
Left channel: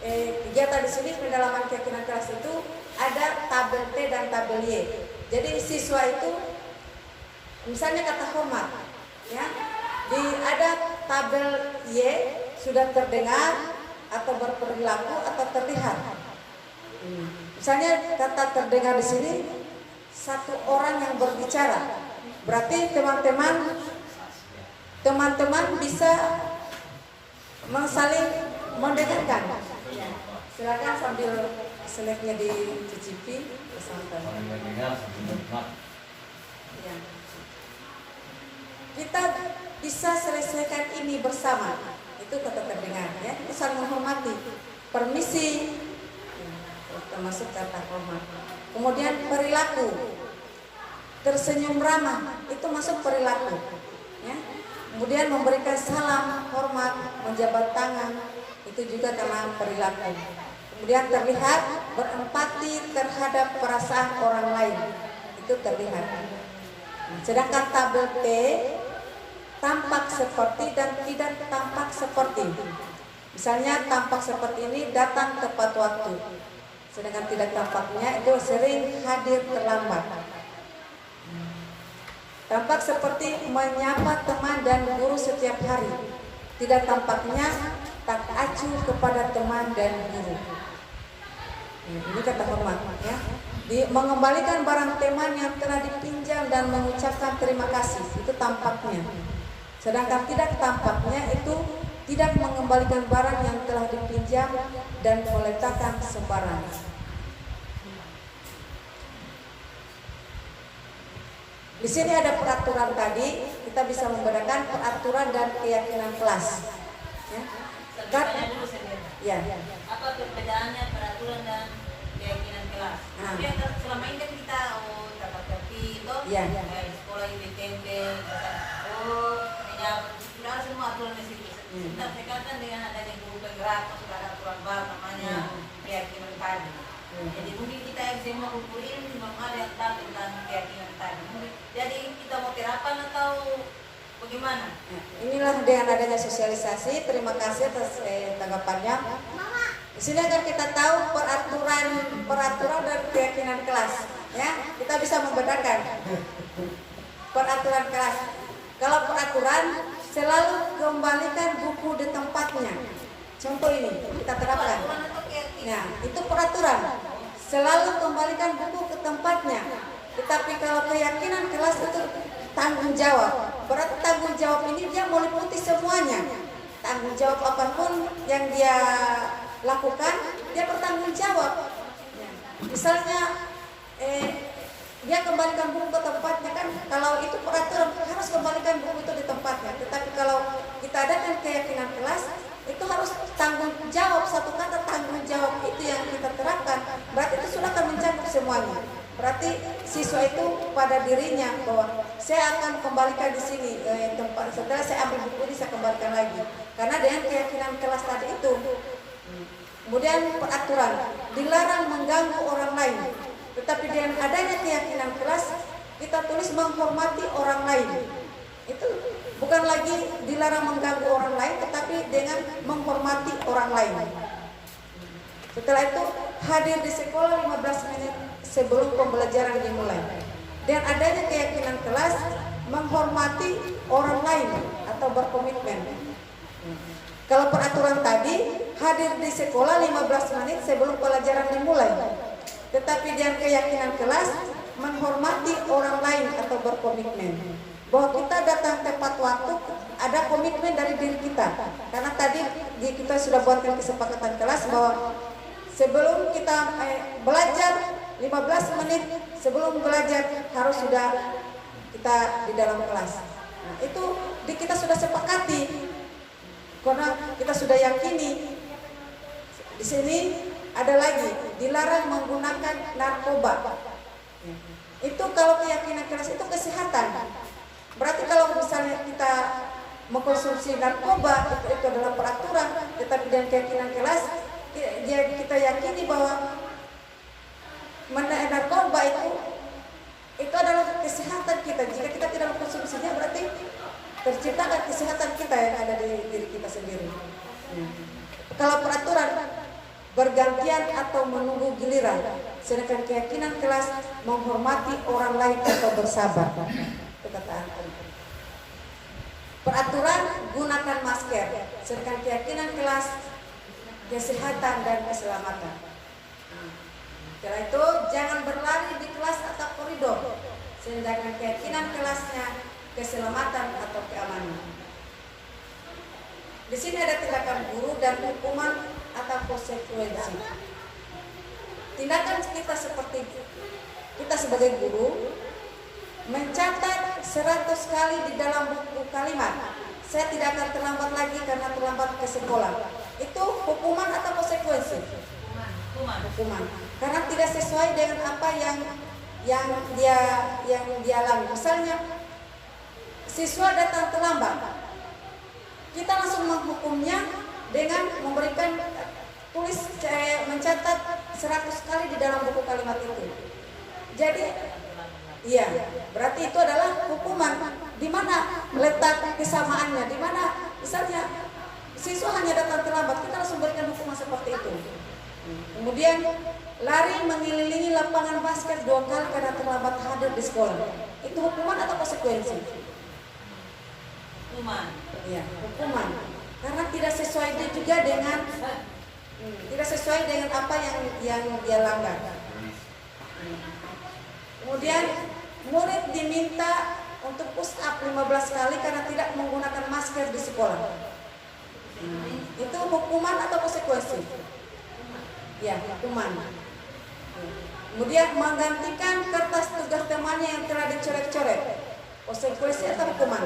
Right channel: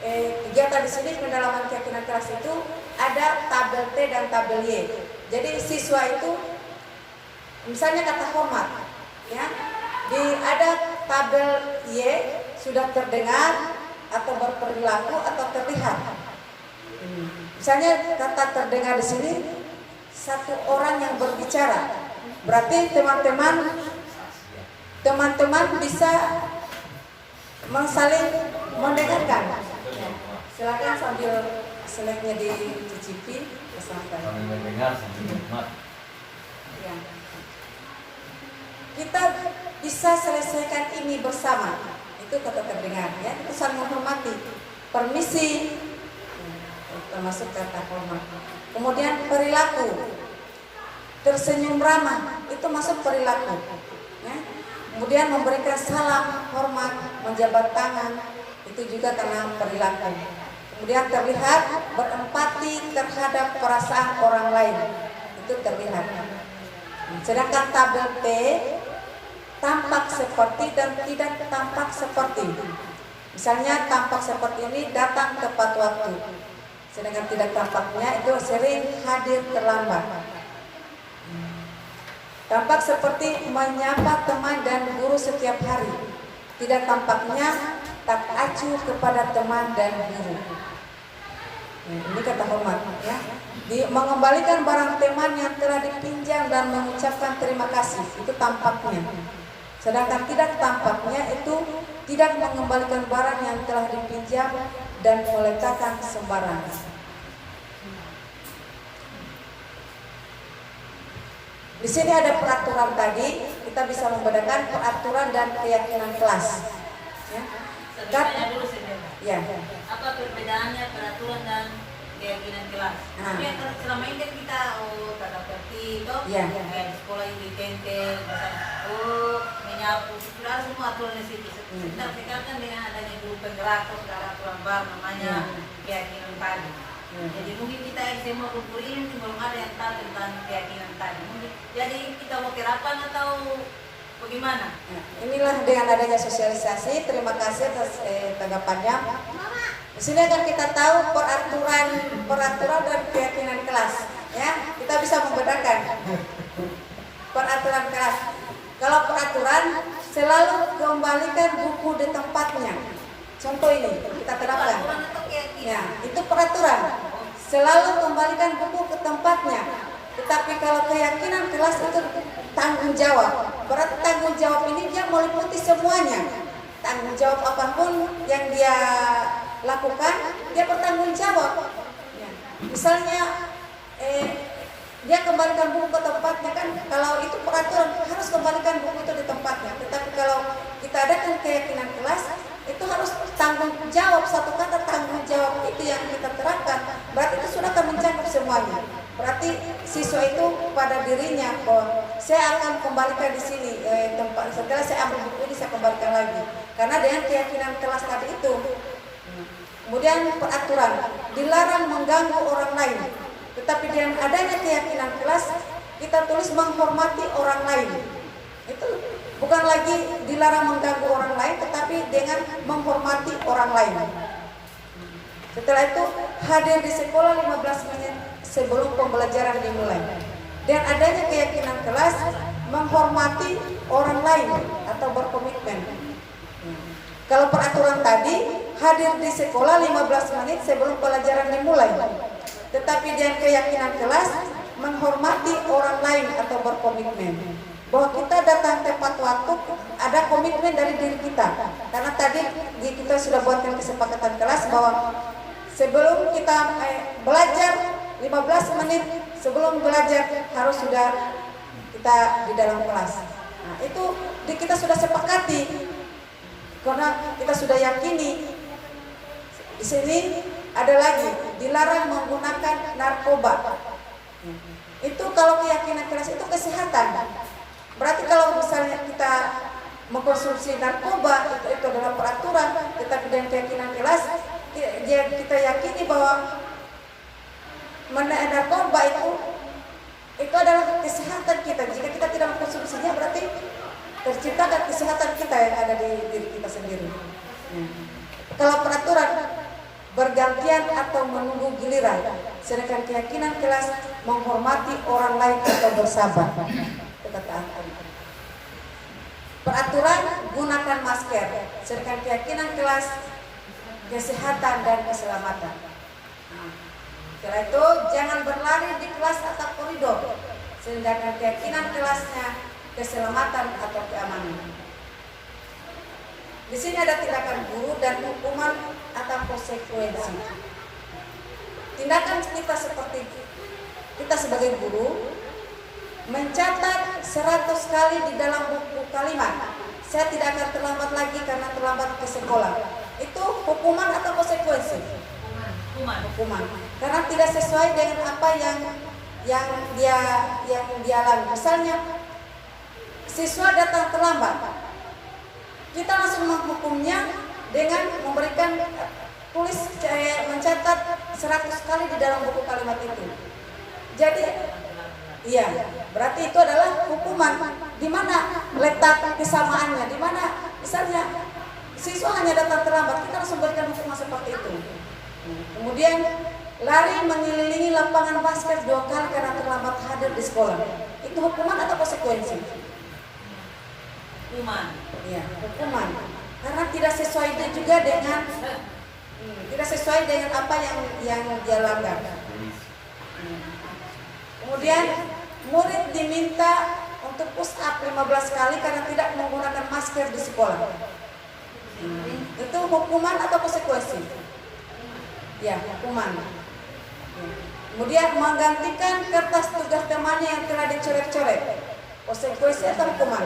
kegiatan di sini pendalaman keyakinan kelas itu ada tabel T dan tabel Y. Jadi siswa itu misalnya kata hormat, ya. Ada tabel Y sudah terdengar atau berperilaku atau terlihat. Misalnya kata terdengar di sini 1 orang yang berbicara, berarti teman-teman bisa saling mendengarkan. Silakan sambil snacknya dicicipi sampai. Mendengar sambil menikmat. Ya. Kita bisa selesaikan ini bersama, itu kata terdengar ya, itu saling menghormati, permisi, termasuk kata hormat. Kemudian perilaku, tersenyum ramah, itu masuk perilaku ya. Kemudian memberikan salam hormat, menjabat tangan, itu juga dalam perilaku. Kemudian terlihat berempati terhadap perasaan orang lain, itu terlihat. Sedangkan tabel T tampak seperti dan tidak tampak seperti. Misalnya tampak seperti ini datang tepat waktu, sedangkan tidak tampaknya itu sering hadir terlambat. Tampak seperti menyapa teman dan guru setiap hari, tidak tampaknya tak acuh kepada teman dan guru. Ini kata hormat ya. Mengembalikan barang teman yang telah dipinjam dan mengucapkan terima kasih, itu tampaknya. Sedangkan tidak tampaknya itu tidak mengembalikan barang yang telah dipinjam dan meletakkan sembarangan. Di sini ada peraturan tadi, kita bisa membedakan peraturan dan keyakinan kelas. Ya. Tanya dulu sebenarnya. Ya. Apa perbedaannya peraturan dan keyakinan kelas? Jadi selama ini kan kita tata tertib, Ya. Di sekolah ini tempel, menyapu, sudah ada semua aturan di situ. Sekarang dengan adanya guru penggerak, sudah ada aturan baru namanya keyakinan tadi. Jadi mungkin kita yang semua kumpul ini belum ada yang tahu tentang keyakinan tadi. Jadi kita mau terapkan atau bagaimana? Inilah dengan adanya sosialisasi. Terima kasih atas tanggapannya. Di sini kan kita tahu peraturan dan keyakinan kelas. Ya, kita bisa membedakan peraturan kelas. Kalau peraturan selalu kembalikan buku di tempatnya. Contoh ini kita terapkan. Peraturan atau keyakinan? Ya, itu peraturan. selalu kembalikan buku ke tempatnya. Tetapi kalau keyakinan kelas itu tanggung jawab, berarti tanggung jawab ini dia meliputi semuanya. Tanggung jawab apapun yang dia lakukan, dia bertanggung jawab. Misalnya dia kembalikan buku ke tempatnya, kan kalau itu peraturan harus kembalikan buku itu di tempatnya. Tetapi kalau kita adakan keyakinan kelas, itu harus tanggung jawab. Satu kata tanggung jawab itu yang kita terapkan, berarti itu sudah akan mencakup semuanya. Berarti siswa itu pada dirinya bahwa saya akan kembalikan di sini tempat, setelah saya ambil buku ini saya kembalikan lagi, karena dengan keyakinan kelas tadi itu. Kemudian peraturan, dilarang mengganggu orang lain. Tetapi dengan adanya keyakinan kelas, kita tulis menghormati orang lain. Itu bukan lagi dilarang mengganggu orang lain, tetapi dengan menghormati orang lain. Setelah itu, hadir di sekolah 15 menit sebelum pembelajaran dimulai. Dan adanya keyakinan kelas, menghormati orang lain atau berkomitmen. Kalau peraturan tadi, hadir di sekolah 15 menit sebelum pelajaran dimulai. Tetapi dengan keyakinan kelas, menghormati orang lain atau berkomitmen. Bahwa kita datang tepat waktu, ada komitmen dari diri kita. Karena tadi kita sudah buatkan kesepakatan kelas bahwa sebelum kita belajar 15 menit sebelum belajar harus sudah kita di dalam kelas. Nah, itu kita sudah sepakati. Karena kita sudah yakini. Di sini ada lagi, dilarang menggunakan narkoba. Itu kalau keyakinan kelas itu kesehatan. Berarti kalau misalnya kita mengkonsumsi narkoba, itu adalah peraturan. Tetapi dengan keyakinan kelas, kita yakini bahwa narkoba itu adalah kesehatan kita. Jika kita tidak mengkonsumsinya, berarti terciptakan kesehatan kita yang ada di diri kita sendiri. Kalau peraturan bergantian atau menunggu giliran, sedangkan keyakinan kelas menghormati orang lain atau bersabar. Peraturan gunakan masker, sedangkan keyakinan kelas kesehatan dan keselamatan. Setelah itu jangan berlari di kelas atau koridor, sedangkan keyakinan kelasnya keselamatan atau keamanan. Di sini ada tindakan guru dan hukuman atau konsekuensi. Tindakan kita seperti kita sebagai guru mencatat 100 kali di dalam buku kalimat, saya tidak akan terlambat lagi karena terlambat ke sekolah. Itu hukuman atau konsekuensi? Hukuman. Karena tidak sesuai dengan apa yang dia alami. Misalnya siswa datang terlambat, kita langsung menghukumnya dengan memberikan mencatat 100 kali di dalam buku kalimat itu. Jadi, iya, berarti itu adalah hukuman. Di mana letak kesamaannya? Di mana misalnya siswa hanya datang terlambat, kita langsung berikan hukuman seperti itu. Kemudian lari mengelilingi lapangan basket 2 kali karena terlambat hadir di sekolah. Itu hukuman atau konsekuensi? Hukuman. Iya, hukuman. Karena tidak sesuai juga dengan apa yang dia langgar. Kemudian murid diminta untuk push up 15 kali karena tidak menggunakan masker di sekolah. Itu hukuman atau konsekuensi? Ya, hukuman. Kemudian menggantikan kertas tugas temannya yang telah dicoret-coret. Konsekuensi atau hukuman?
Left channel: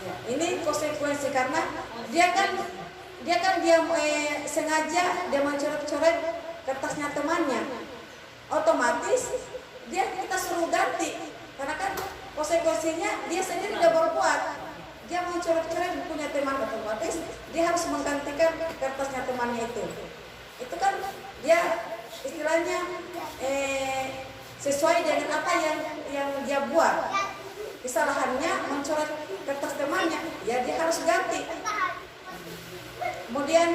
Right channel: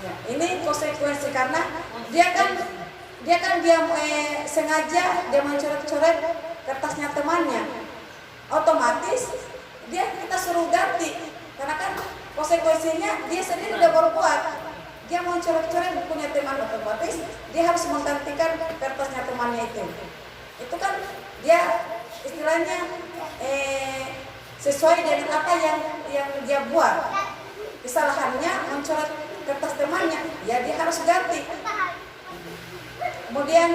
Ya, ini konsekuensi karena dia sengaja dia mencoret-coret kertasnya temannya. Otomatis kita suruh ganti karena kan konsekuensinya dia sendiri udah berbuat. Dia mencoret-coret bukunya teman, otomatis dia harus menggantikan kertasnya temannya itu. Itu kan dia istilahnya sesuai dengan apa yang dia buat. Kesalahannya mencoret kertas temannya, ya dia harus ganti. Kemudian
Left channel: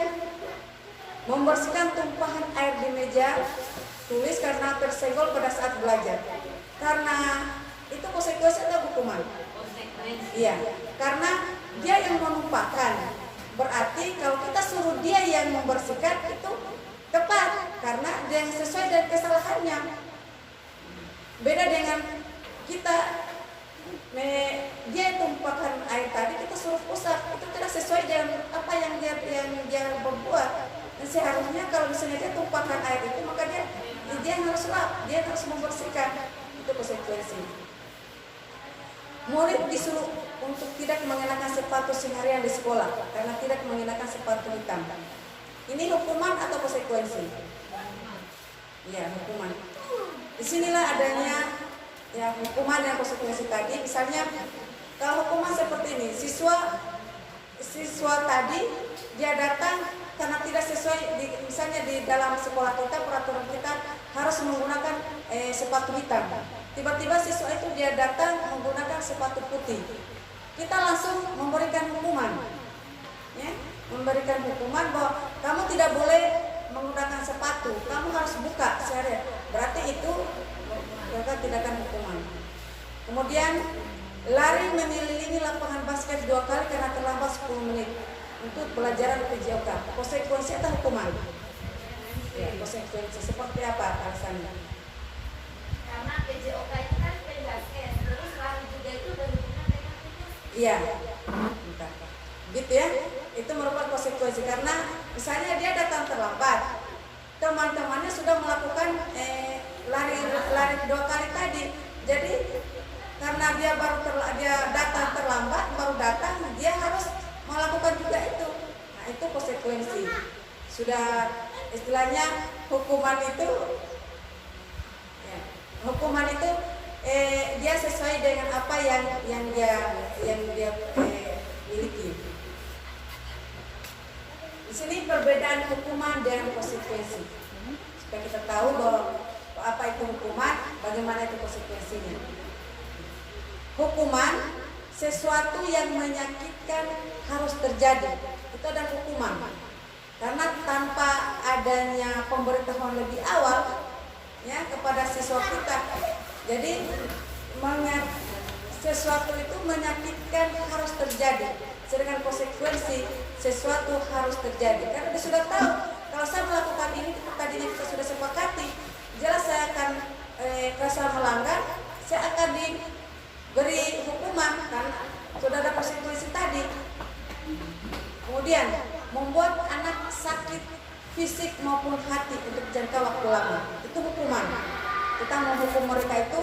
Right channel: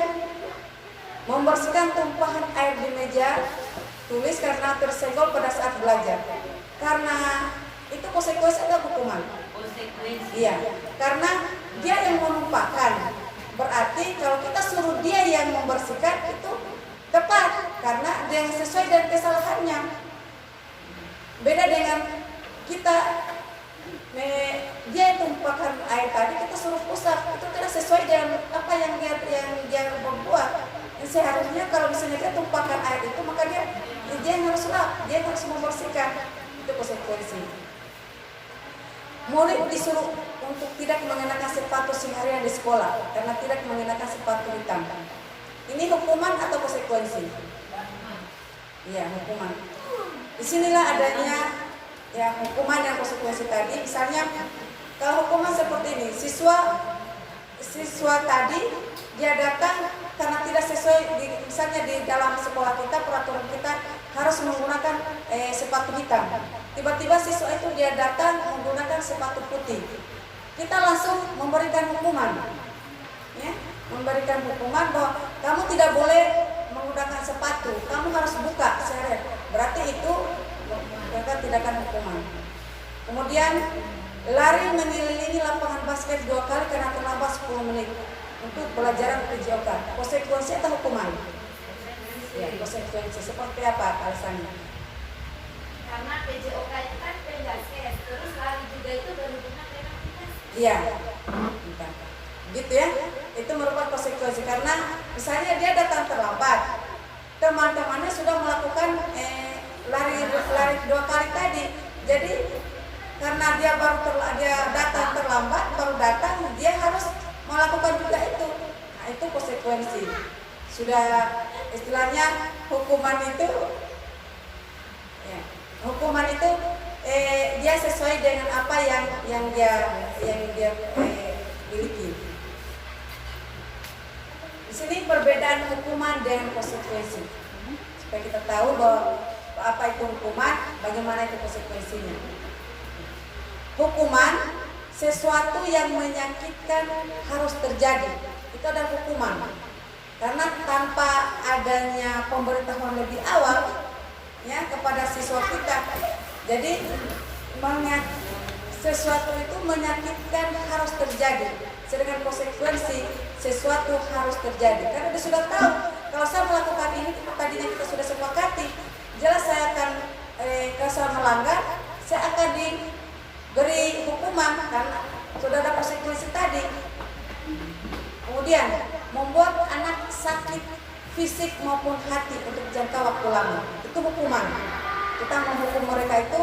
membersihkan tumpahan air di meja tulis karena tersenggol pada saat belajar. Karena itu konsekuensi atau hukuman? Konsekuensi. Iya, karena dia yang menumpahkan. Berarti kalau kita suruh dia yang membersihkan itu tepat, karena dia yang sesuai dengan kesalahannya. Beda dengan kita dia tumpahkan air tadi, kita suruh usap, itu tidak sesuai dengan apa yang dia berbuat. Dan seharusnya kalau misalnya dia tumpahkan air itu, maka dia harus lap, dia harus membersihkan. Itu konsekuensi. Murid disuruh untuk tidak mengenakan sepatu seharian di sekolah karena tidak mengenakan sepatu hitam. Ini hukuman atau konsekuensi? Iya, hukuman. Disinilah adanya ya hukuman dan konsekuensi tadi. Misalnya kalau hukuman seperti ini, siswa tadi dia datang karena tidak sesuai misalnya di dalam sekolah kita, peraturan kita harus menggunakan sepatu hitam. Tiba-tiba siswa itu dia datang menggunakan sepatu putih. Kita langsung memberikan hukuman, ya, memberikan hukuman bahwa kamu tidak boleh menggunakan sepatu, kamu harus buka seret. Berarti itu kita tidak akan hukuman. Kemudian lari mengelilingi lapangan basket 2 kali karena terlambat 10 menit untuk pelajaran PJOK. Konsekuensi atau hukuman? Ya, konsekuensi seperti apa alasannya? Karena PJOK itu kan pendasnya, terus lari juga itu berhubungan dengan pendasnya. Iya, gitu ya. Itu merupakan konsekuensi karena misalnya dia datang terlambat, teman-temannya sudah melakukan lari 2 kali tadi. Jadi karena dia datang terlambat, baru datang, dia harus melakukan juga itu. Nah, itu konsekuensi. Sudah istilahnya hukuman itu ya, hukuman itu dia sesuai dengan apa yang dia miliki. Di sini perbedaan hukuman dengan konsekuensi. Supaya kita tahu bahwa apa itu hukuman, bagaimana itu konsekuensinya. Hukuman sesuatu yang menyakitkan harus terjadi. Itu adalah hukuman. Karena tanpa adanya pemberitahuan lebih awal ya kepada siswa kita, jadi sesuatu itu menyakitkan harus terjadi. Sedangkan konsekuensi sesuatu harus terjadi. Karena dia sudah tahu kalau saya melakukan ini, tadinya kita sudah sepakati, jelas saya akan kalau saya melanggar, saya akan diberi hukuman karena sudah ada konsekuensi tadi. Kemudian membuat anak sakit fisik maupun hati untuk jangka waktu lama, itu hukuman. Kita menghukum mereka itu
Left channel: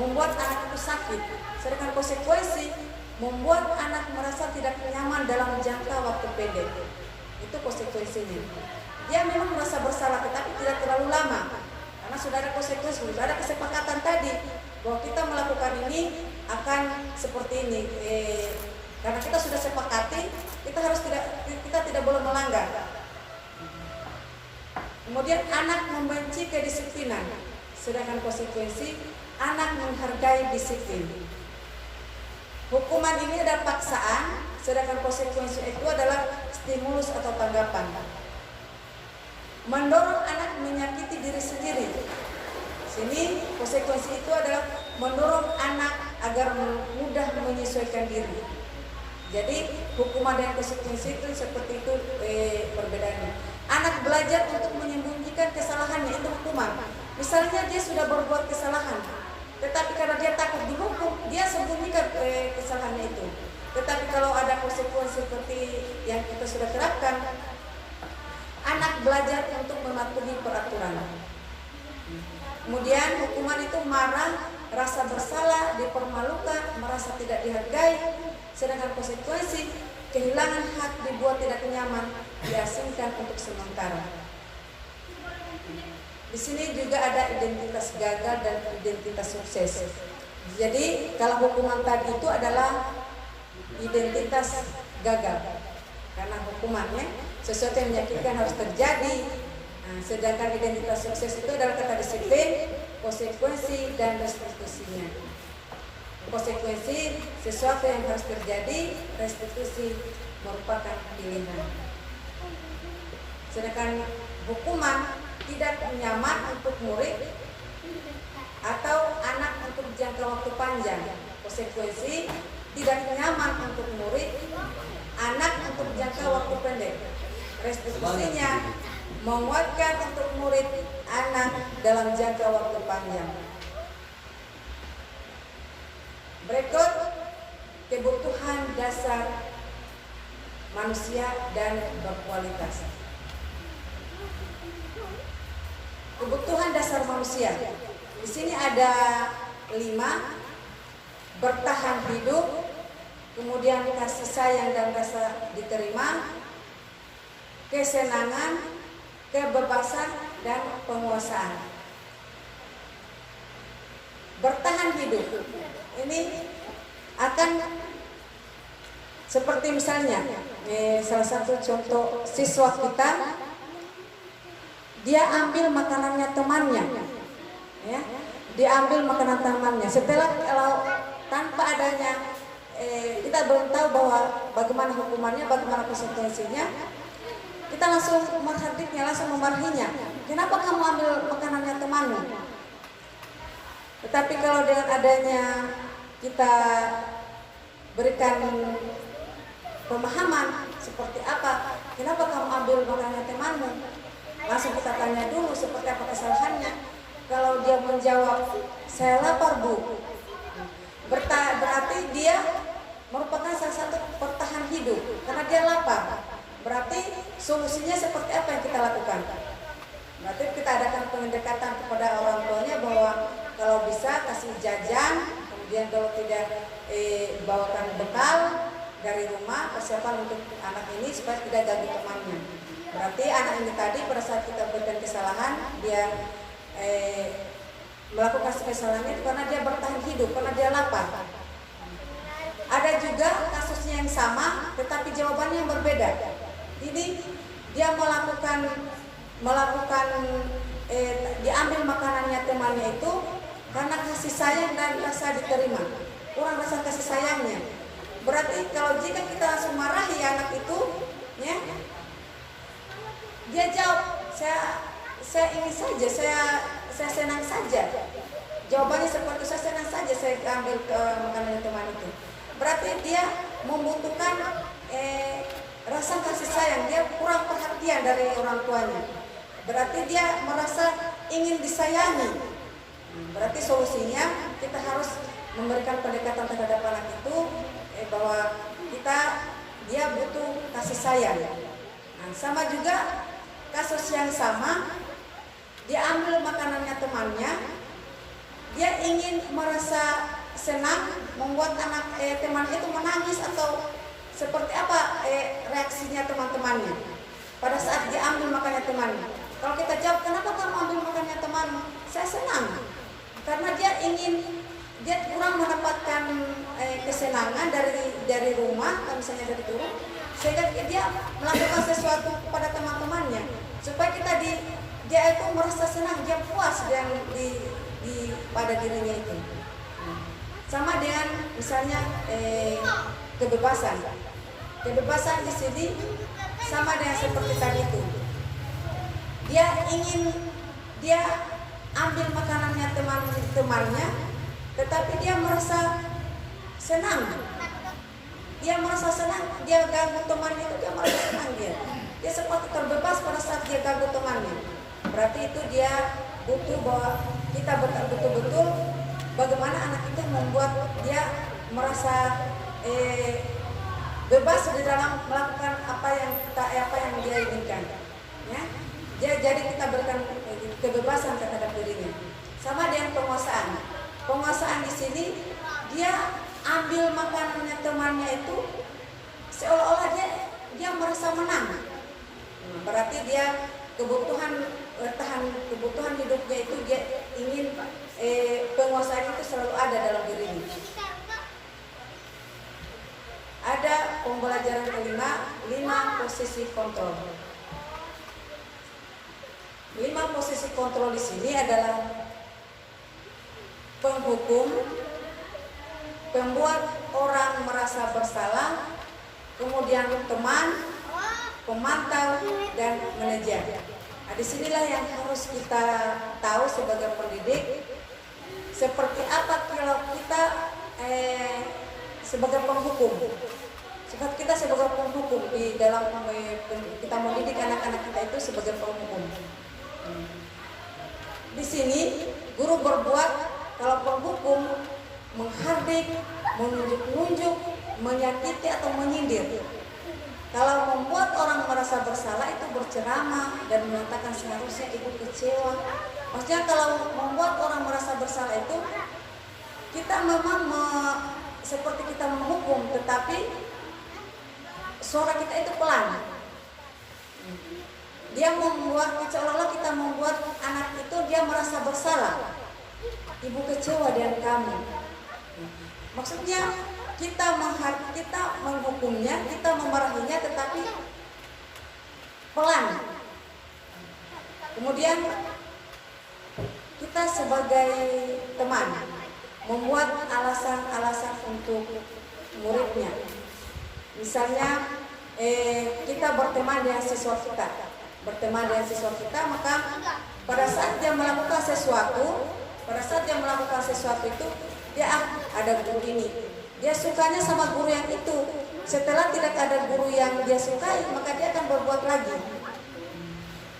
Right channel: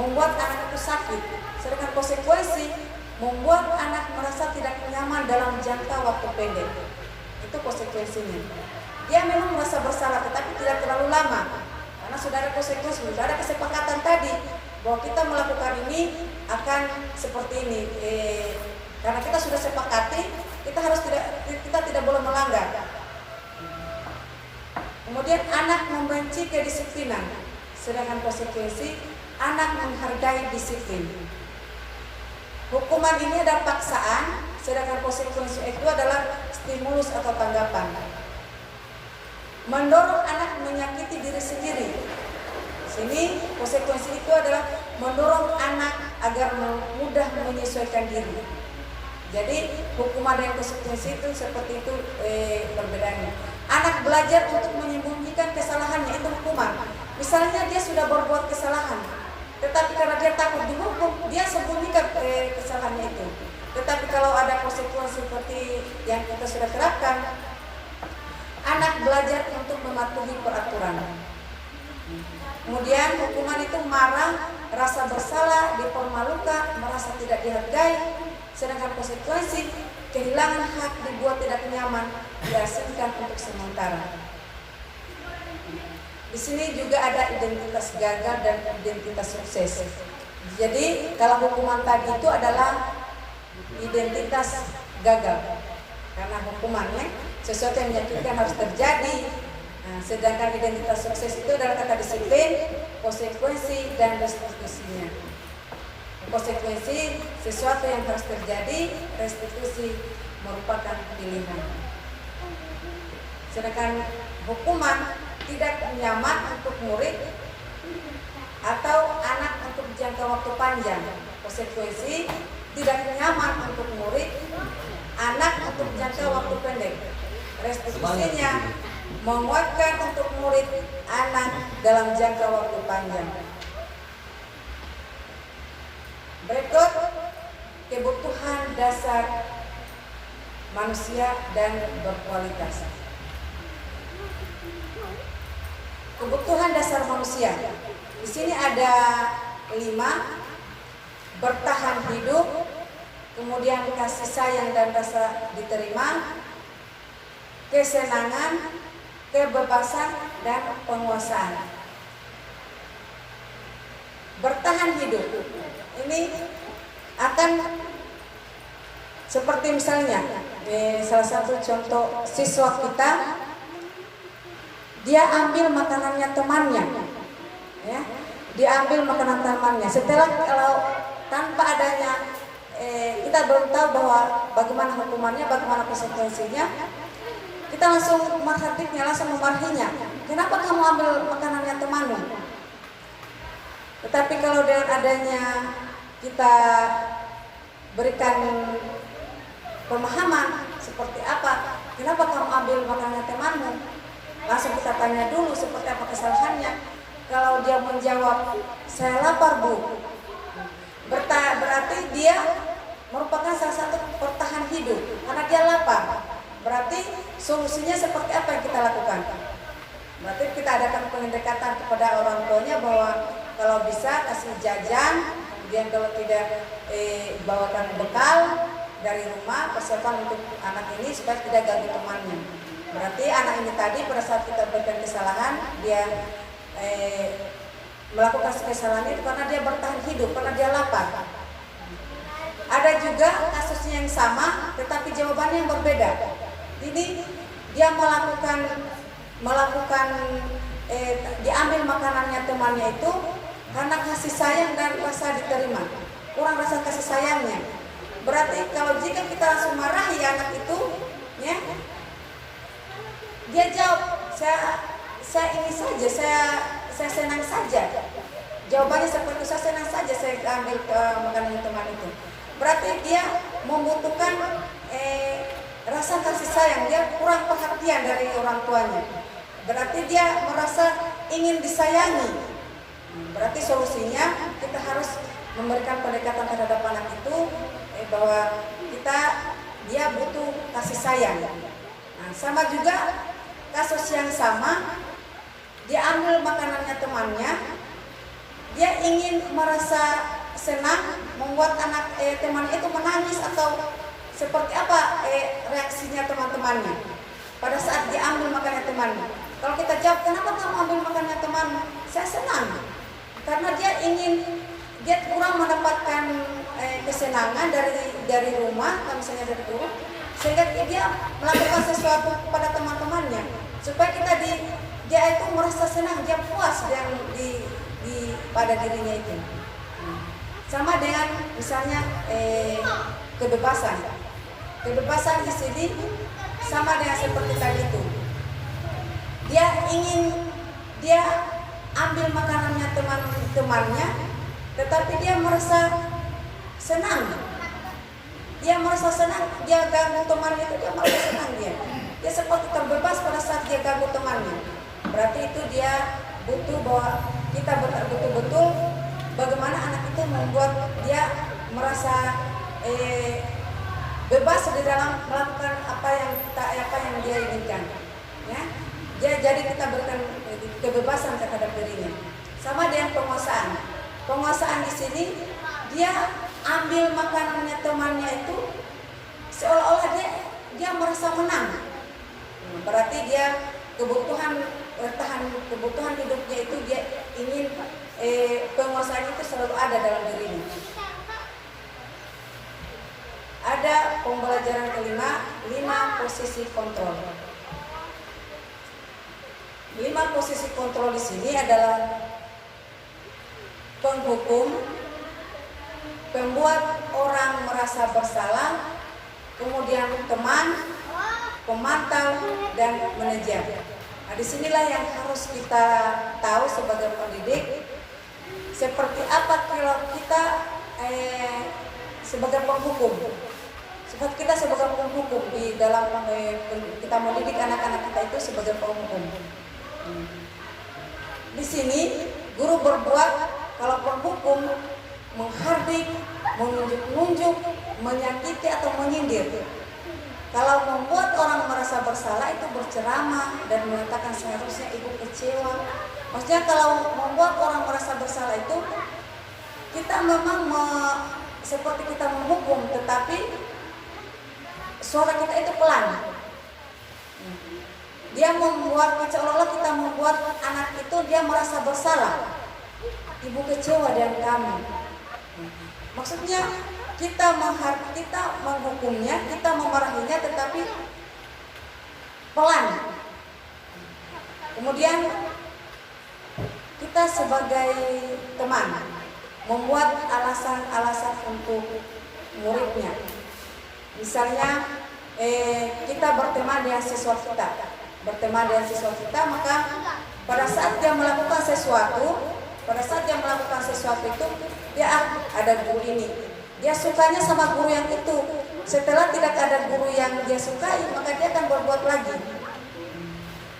membuat anak itu sakit. Sedangkan konsekuensi membuat anak merasa tidak nyaman dalam jangka waktu pendek. Itu konsekuensinya. Dia memang merasa bersalah tetapi tidak terlalu lama karena sudah ada konsekuensi, sudah ada kesepakatan tadi bahwa kita melakukan ini akan seperti ini. Karena kita sudah sepakati, kita tidak boleh melanggar. Kemudian anak membenci kedisiplinan, sedangkan konsekuensi anak menghargai disiplin. Hukuman ini adalah paksaan, sedangkan konsekuensi itu adalah stimulus atau tanggapan. Mendorong anak menyakiti diri sendiri. Di sini konsekuensi itu adalah mendorong anak agar mudah menyesuaikan diri. Jadi hukuman dan konsekuensi itu seperti itu perbedaannya. Anak belajar untuk menyembunyikan kesalahannya, itu hukuman. Misalnya dia sudah berbuat kesalahan, tetapi karena dia takut dihukum, dia sembunyikan kesalahannya itu. Tetapi kalau ada konsekuensi seperti yang kita sudah terapkan, anak belajar untuk mematuhi peraturan. Kemudian hukuman itu marah, rasa bersalah, dipermalukan, merasa tidak dihargai. Sedangkan konsekuensi kehilangan hak, dibuat tidak nyaman, diasingkan untuk sementara. Di sini juga ada identitas gagal dan identitas sukses. Jadi kalau hukuman tadi itu adalah identitas gagal karena hukumannya sesuatu yang menyakitkan harus terjadi. Nah, sedangkan identitas sukses itu adalah kata disiplin, konsekuensi dan restitusinya. Konsekuensi sesuatu yang harus terjadi, restitusi merupakan pilihan. Sedangkan hukuman tidak nyaman untuk murid atau anak untuk jangka waktu panjang. Konsekuensi tidak nyaman untuk murid, anak untuk jangka waktu pendek. Restitusinya menguatkan untuk murid anak dalam jangka waktu panjang. Berikut kebutuhan dasar manusia dan berkualitas. Kebutuhan dasar manusia. Di sini ada 5: bertahan hidup, kemudian kasih sayang dan rasa diterima, kesenangan, kebebasan, dan penguasaan. Bertahan hidup ini akan seperti misalnya salah satu contoh siswa kita, dia ambil makanannya temannya, ya, dia ambil makanan temannya. Setelah kalau tanpa adanya kita belum tahu bahwa bagaimana hukumannya, bagaimana konsekuensinya, kita langsung menghadapnya, langsung memarahinya. Kenapa kamu ambil makanannya temanmu? Tetapi kalau dengan adanya kita berikan pemahaman seperti apa, kenapa kamu ambil makanannya temanmu? Langsung kita tanya dulu seperti apa kesalahannya. Kalau dia menjawab, saya lapar bu, berarti dia merupakan salah satu bertahan hidup karena dia lapar. Berarti solusinya seperti apa yang kita lakukan? Berarti kita adakan pendekatan kepada orang tuanya bahwa kalau bisa kasih jajan, kemudian kalau tidak bawakan bekal dari rumah, persiapan untuk anak ini supaya tidak ganggu temannya. Berarti anak ini tadi pada saat kita berikan kesalahan, dia melakukan kesalahan itu karena dia bertahan hidup, karena dia lapar. Ada juga kasusnya yang sama, tetapi jawabannya yang berbeda. Ini dia diambil makanannya temannya itu karena kasih sayang dan rasa diterima, kurang rasa kasih sayangnya. Berarti kalau jika kita langsung marahi anak itu, ya, dia jawab, saya ini saja, saya senang saja. Jawabannya seperti saya senang saja saya ambil makanan teman itu. Berarti dia membutuhkan rasa kasih sayang, dia kurang perhatian dari orang tuanya. Berarti dia merasa ingin disayangi. Berarti solusinya kita harus memberikan pendekatan terhadap anak itu bahwa dia butuh kasih sayang. Nah, sama juga kasus yang sama, dia ambil makanannya temannya, dia ingin merasa senang, membuat teman itu menangis atau seperti apa reaksinya teman-temannya pada saat dia ambil makanannya temannya. Kalau kita jawab, kenapa kamu ambil makanannya temanmu? Saya senang, karena dia kurang mendapatkan kesenangan dari rumah, misalnya dari rumah, sehingga dia melakukan sesuatu kepada teman-temannya supaya dia itu merasa senang, dia puas pada dirinya itu. Sama dengan misalnya kebebasan di sini sama dengan seperti tadi itu. Dia ambil makanannya temannya, tetapi dia merasa senang. Dia ganggu temannya itu, dia merasa senang dia seperti terbebas pada saat dia ganggu temannya. Berarti itu dia butuh bahwa kita betul-betul bagaimana anak itu membuat dia merasa bebas di dalam melakukan apa yang dia inginkan. Ya? Jadi kita berikan kebebasan terhadap dirinya. Sama dengan penguasaan. Penguasaan di sini dia ambil makanannya temannya itu seolah-olah dia merasa menang. Berarti dia kebutuhan hidupnya itu dia ingin penguasaan itu selalu ada dalam dirinya. Ada pembelajaran kelima, 5 posisi kontrol. 5 posisi kontrol di sini adalah penghukum, pembuat orang merasa bersalah, kemudian teman, pemantau, dan manajer. Nah, disinilah yang harus kita tahu sebagai pendidik, seperti apa kalau kita sebagai penghukum. Sifat kita sebagai penghukum di dalam kita mendidik anak-anak kita itu sebagai penghukum. Di sini guru berbuat kalau penghukum menghardik, menunjuk-nunjuk, menyakiti atau menyindir. Kalau membuat orang merasa bersalah itu berceramah dan mengatakan seharusnya ibu kecewa. Maksudnya kalau membuat orang merasa bersalah itu kita memang seperti kita menghukum, tetapi suara kita itu pelan. Dia membuat seolah-olah kita membuat anak itu dia merasa bersalah. Ibu kecewa dengan kami. Maksudnya kita menghukumnya, kita memarahinya, tetapi pelan. Kemudian kita sebagai teman membuat alasan-alasan untuk muridnya. Misalnya kita berteman dengan siswa kita, maka pada saat dia melakukan sesuatu, itu dia ada guru ini, dia sukanya sama guru yang itu. Setelah tidak ada guru yang dia sukai, maka dia akan berbuat lagi.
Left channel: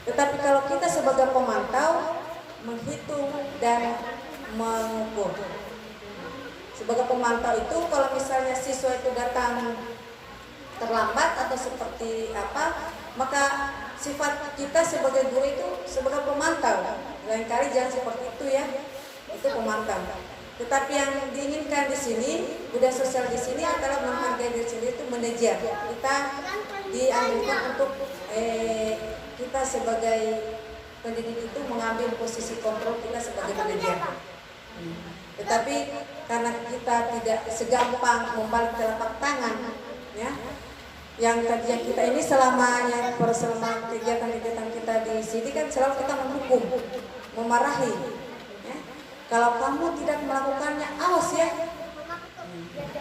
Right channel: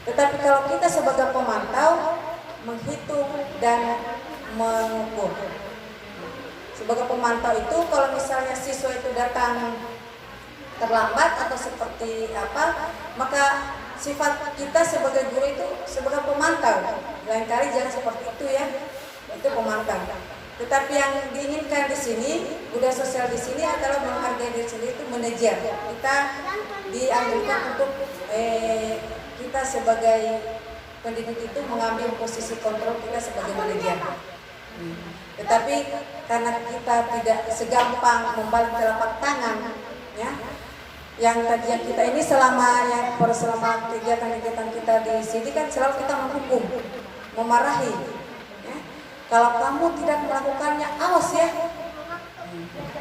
Tetapi kalau kita sebagai pemantau menghitung dan mengukur. Sebagai pemantau itu kalau misalnya siswa itu datang terlambat atau seperti apa, maka sifat kita sebagai guru itu sebagai pemantau. Lain kali jangan seperti itu ya, itu pemantau. Tetapi yang diinginkan di sini, budaya sosial di sini adalah menghargai diri sendiri, itu manajer. Kita dianjurkan untuk kita sebagai pendidik itu mengambil posisi kontrol kita sebagai manajer. Tetapi karena kita tidak segampang membalik telapak tangan, ya, yang kita ini selama kegiatan-kegiatan kita di sini kan selalu kita menghukum, memarahi. Ya. Kalau kamu tidak melakukannya, awas ya.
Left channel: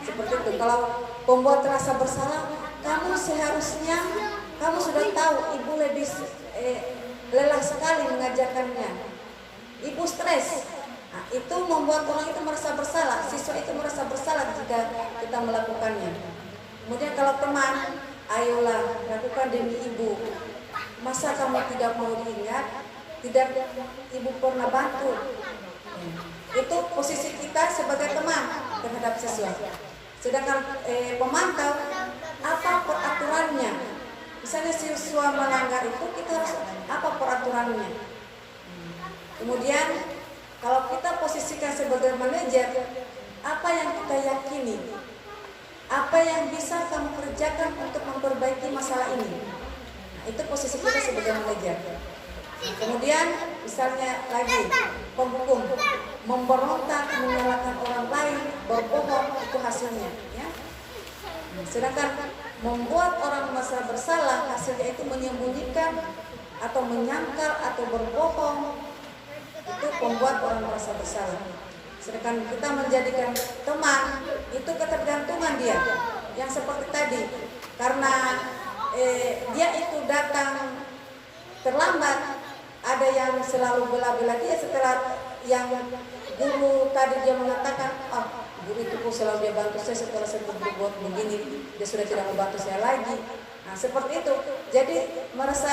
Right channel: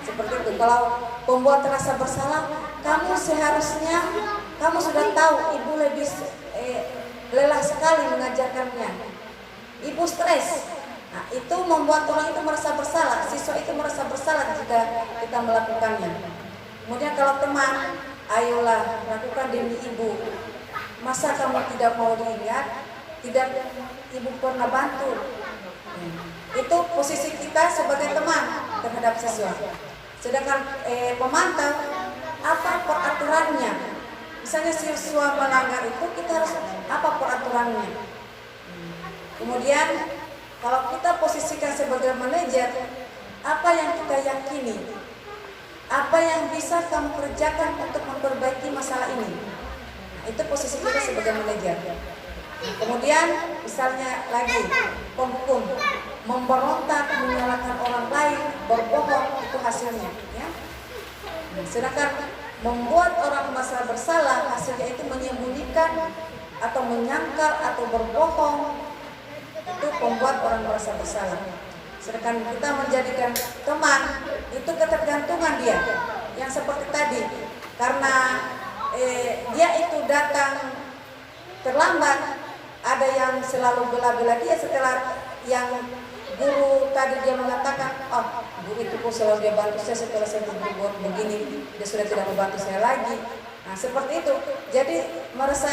Seperti itu. Kalau pembuat rasa bersalah, kamu seharusnya sudah tahu ibu lebih lelah sekali mengajarkannya. Ibu stres. Nah, itu membuat orang itu merasa bersalah, siswa itu merasa bersalah jika kita melakukannya. Kemudian kalau teman, ayolah lakukan demi ibu. Masa kamu tidak mau diingat? Tidak ibu pernah bantu. Itu posisi kita sebagai teman terhadap siswa. Sedangkan pemantau, apa peraturannya? Misalnya siswa melanggar itu, kita harus apa peraturannya? Kemudian kalau kita posisikan sebagai manajer, apa yang kita yakini? Apa yang bisa kamu kerjakan untuk memperbaiki masalah ini? Nah, itu posisi kita sebagai manajer. Kemudian misalnya lagi penghukum, memberontak, menyalahkan orang lain, berbohong, itu hasilnya. Ya? Sedangkan membuat orang merasa bersalah, hasilnya itu menyembunyikan atau menyangkal atau berbohong, itu membuat orang merasa bersalah. Sedangkan kita menjadikan teman, itu ketergantungan dia. Yang seperti tadi, karena dia itu datang terlambat, ada yang selalu bela-bela dia setelah yang guru tadi dia mengatakan, oh guru itu kok selalu dia bantu saya, setelah saya berbuat begini dia sudah tidak membantu saya lagi. Nah seperti itu. Jadi merasa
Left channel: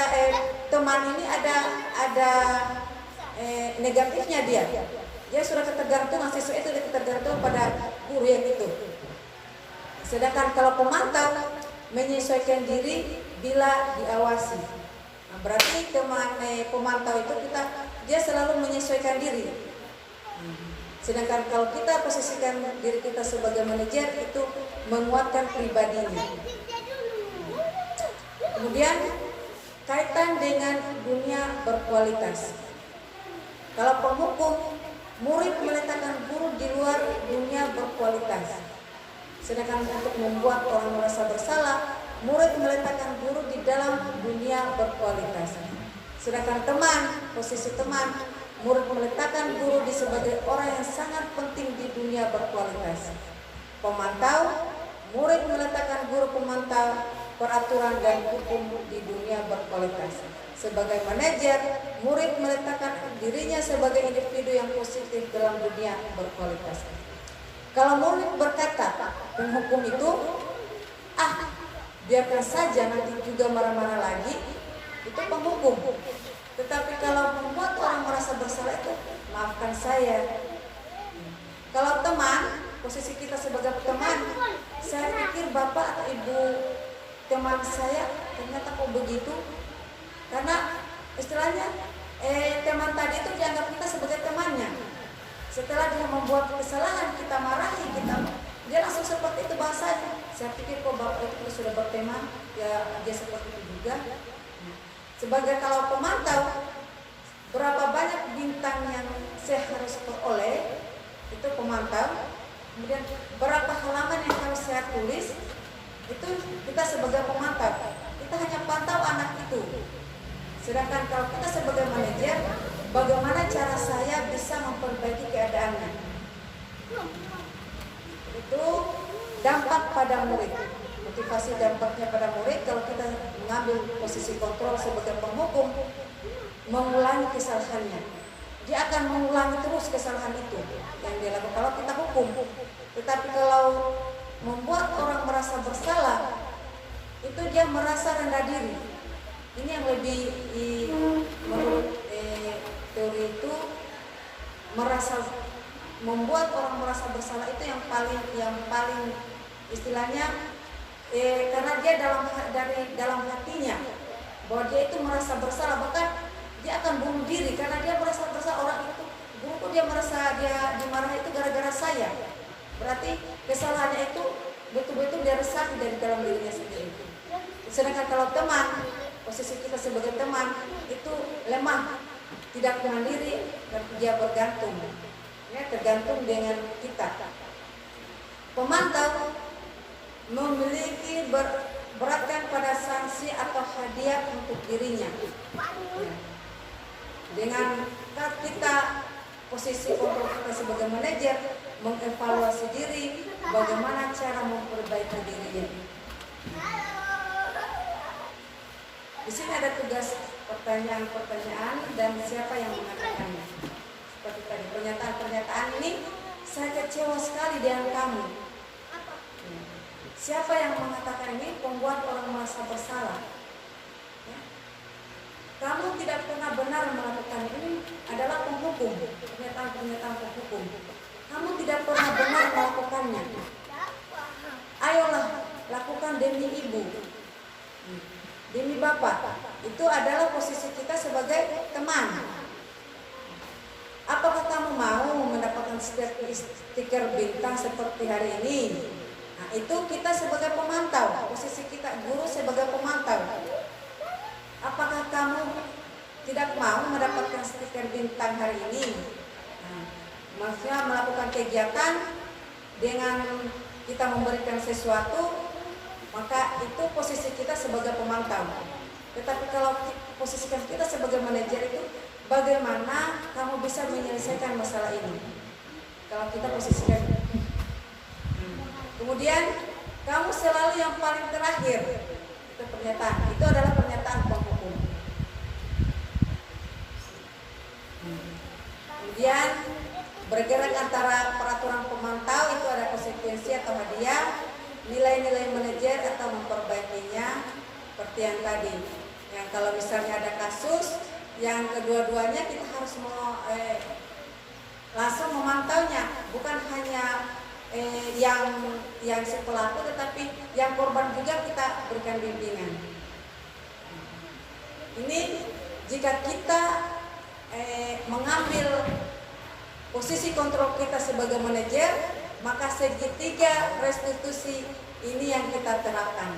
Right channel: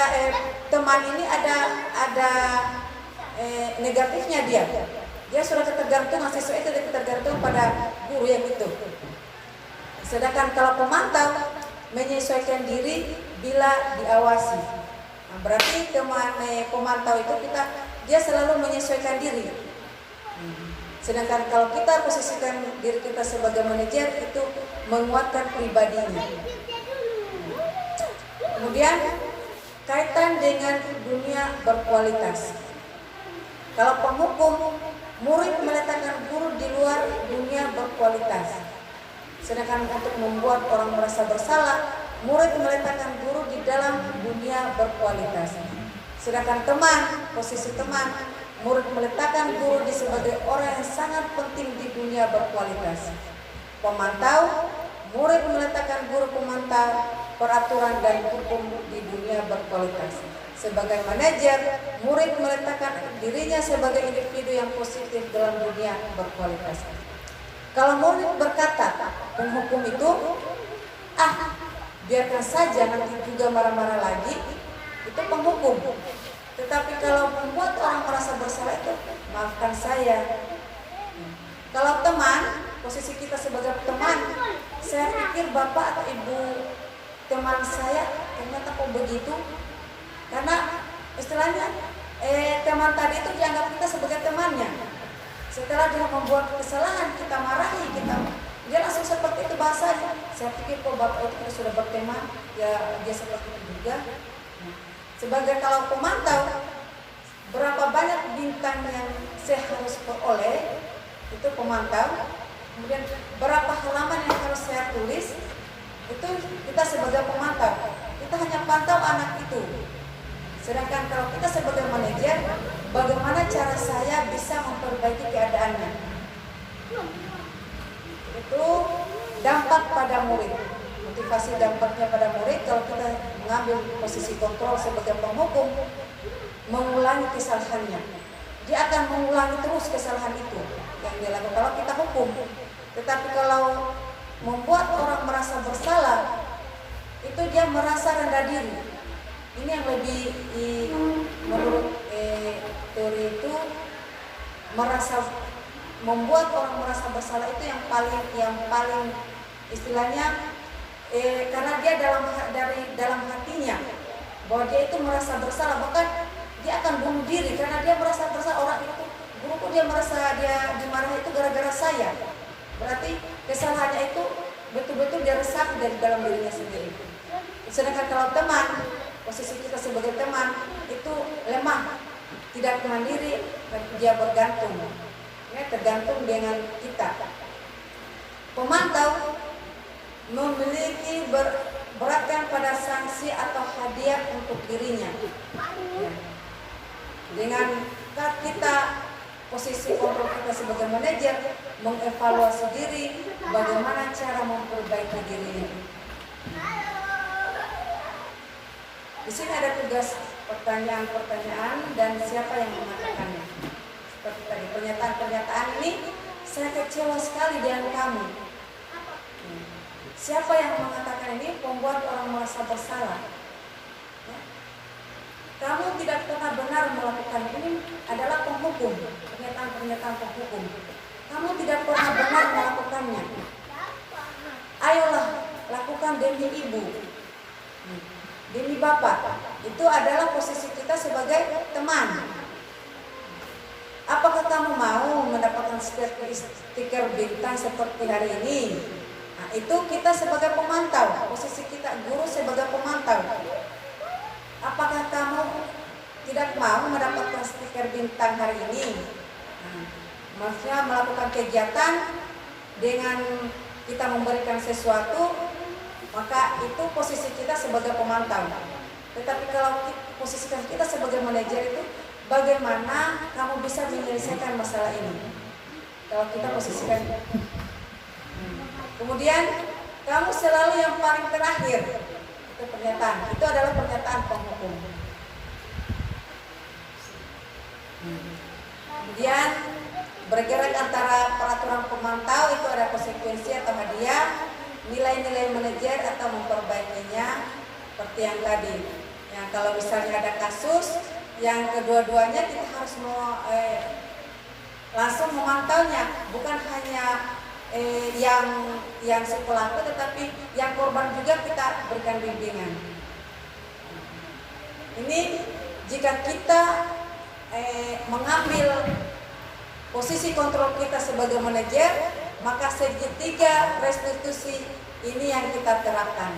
teman ini ada negatifnya dia sudah ketergantungan, siswa itu ketergantungan pada guru yang itu. Sedangkan kalau pemantau menyesuaikan diri bila diawasi. Nah, berarti pemantau itu dia selalu menyesuaikan diri. Sedangkan kalau kita posisikan diri kita sebagai manajer, itu menguatkan pribadinya. Kemudian kaitan dengan dunia berkualitas. Kalau penghukum, murid meletakkan guru di luar dunia berkualitas. Sedangkan untuk membuat orang merasa bersalah, murid meletakkan guru di dalam dunia berkualitas. Sedangkan teman, posisi teman, murid meletakkan guru di sebagai orang yang sangat penting di dunia berkualitas. Pemantau, murid meletakkan guru pemantau, peraturan dan hukum di dunia berkualitas. Sebagai manajer, murid meletakkan dirinya sebagai individu yang positif dalam dunia berkualitas. Kalau murid berkata, penghukum itu, biarkan saja, nanti juga marah-marah lagi, itu penghukum. Tetapi kalau membuat orang merasa bersalah itu, maafkan saya. Kalau teman, posisi kita sebagai teman, saya pikir bapak atau ibu teman saya ternyata kok begitu, karena istilahnya teman tadi itu dianggap kita sebagai temannya. Setelah dia membuat kesalahan, kita marahi, dia langsung seperti itu bahasanya. Saya pikir kok bapak itu kita sudah berteman, ya dia seperti itu juga. Sebagai kalau pemantau, berapa banyak bintang yang saya harus peroleh, itu pemantau. Kemudian berapa halaman yang harus saya tulis, itu kita sebagai pemantau. Kita hanya pantau anak itu. Sedangkan kalau kita sebagai manajer, bagaimana cara saya bisa memperbaiki keadaannya? Itu dampak pada murid. Motivasi dampaknya pada murid, kalau kita mengambil posisi kontrol sebagai penghukum, mengulangi kesalahannya. Dia akan mengulangi terus kesalahan itu yang dia lakukan kalau kita hukum. Tetapi kalau membuat orang merasa bersalah, itu dia merasa rendah diri. Ini yang lebih menurut teori itu membuat orang merasa bersalah itu yang paling istilahnya karena dia dalam hatinya bahwa dia itu merasa bersalah, bahkan dia akan bunuh diri karena dia merasa bersalah. Orang itu guruku dia merasa dia dimarahi itu gara-gara saya. Berarti kesalahannya itu betul-betul dia resapi dari dalam dirinya sendiri. Sedangkan kalau teman, posisi kita sebagai teman itu lemah, tidak mandiri, dan dia bergantung, ya, tergantung dengan kita. Pemantau memiliki beratkan pada sanksi atau hadiah untuk dirinya. Ya. Dengan kita posisi kontrol kita sebagai manajer mengevaluasi diri, bagaimana cara memperbaiki dirinya. Di sini ada tugas pertanyaan-pertanyaan dan siapa yang mengatakannya. Seperti tadi pernyataan-pernyataan ini saya kecewa sekali dengan kamu. Siapa yang mengatakan ini? Membuat orang merasa bersalah. Ya. Kamu tidak pernah benar melakukan ini adalah penghukum, pernyataan-pernyataan penghukum. Kamu tidak pernah benar melakukannya. Ayolah lakukan demi ibu. Demi bapak, itu adalah posisi kita sebagai teman. Apakah kamu mau mendapatkan stiker bintang seperti hari ini? Nah, itu kita sebagai pemantau, posisi kita guru sebagai pemantau. Apakah kamu tidak mau mendapatkan stiker bintang hari ini? Nah, maksudnya melakukan kegiatan dengan kita memberikan sesuatu, maka itu posisi kita sebagai pemantau. Tetapi kalau posisi kita sebagai manajer itu, bagaimana kamu bisa menyelesaikan masalah ini? Kalau kita posisikan, kemudian kamu selalu yang paling terakhir. Itu pernyataan. Itu adalah pernyataan penghukum. Kemudian bergerak antara peraturan pemantau itu ada konsekuensi atau hadiah. Nilai-nilai manajer atau memperbaikinya seperti yang tadi. Yang kalau misalnya ada kasus yang kedua-duanya kita harus langsung memantaunya, bukan hanya yang si pelaku, tetapi yang korban juga kita berikan bimbingan. Ini jika kita mengambil posisi kontrol kita sebagai manajer, maka segitiga restitusi ini yang kita terapkan.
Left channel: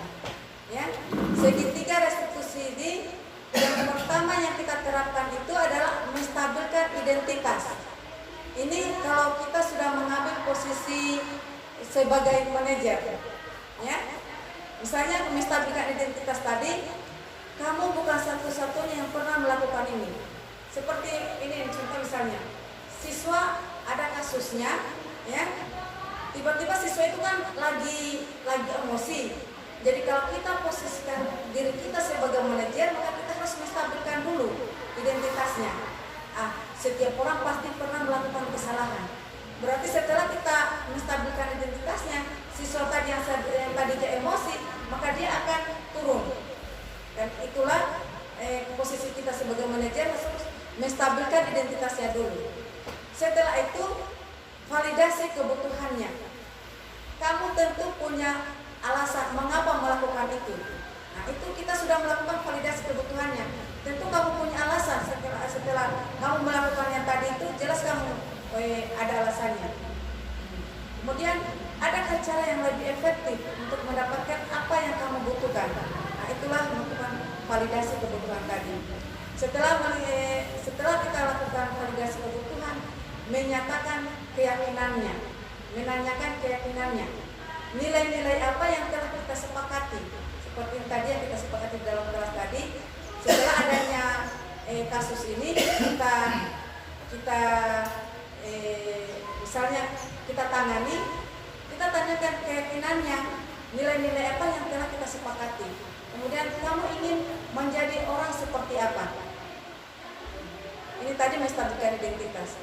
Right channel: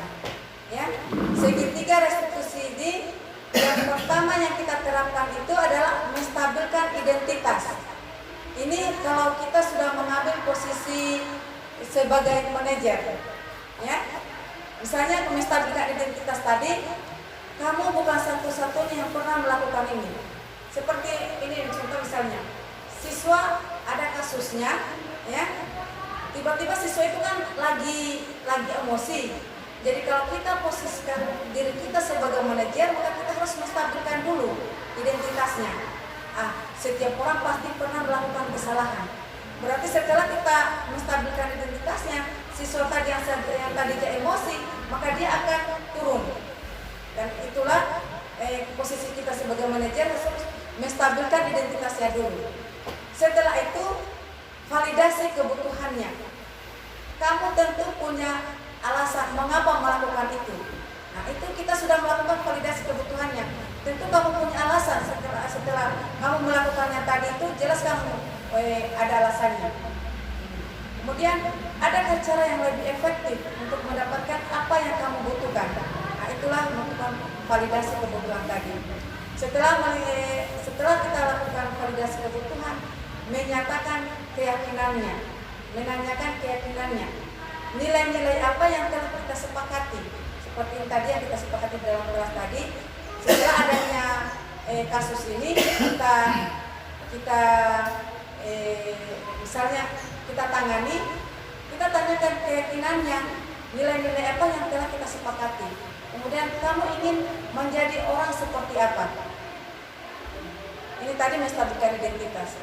Ya, segitiga restitusi ini yang pertama yang kita terapkan itu adalah menstabilkan identitas. Ini kalau kita sudah mengambil posisi sebagai manajer, ya, misalnya menstabilkan identitas tadi, kamu bukan satu-satunya yang pernah melakukan ini. Seperti ini contoh misalnya, siswa ada kasusnya, ya. Tiba-tiba siswa itu kan lagi emosi. Jadi kalau kita posisikan diri kita sebagai manajer, maka kita harus menstabilkan dulu identitasnya. Setiap orang pasti pernah melakukan kesalahan. Berarti setelah kita menstabilkan identitasnya, siswa tadi yang tadinya emosi, maka dia akan turun. Dan itulah posisi kita sebagai manajer harus menstabilkan identitasnya dulu. Setelah itu validasi kebutuhannya. Kamu tentu punya alasan mengapa melakukan itu. Nah, itu kita sudah melakukan validasi kebutuhannya. Tentu kamu punya alasan setelah kamu melakukan yang tadi itu, jelas kamu ada alasannya. Kemudian adakah cara yang lebih efektif untuk mendapatkan apa yang kamu butuhkan? Nah, itulah melakukan validasi kebutuhan tadi. Setelah kita lakukan validasi kebutuhan, menyatakan keyakinannya, menanyakan keyakinannya, nilai-nilai apa yang telah kita sepakati, seperti yang tadi yang kita sepakati dalam kelas tadi. Setelah adanya kasus ini, kita misalnya kita tangani, kita tanyakan keyakinannya, nilai-nilai apa yang telah kita sepakati. Kemudian kamu ingin menjadi orang seperti apa? Ini tadi menstabilkan identitas.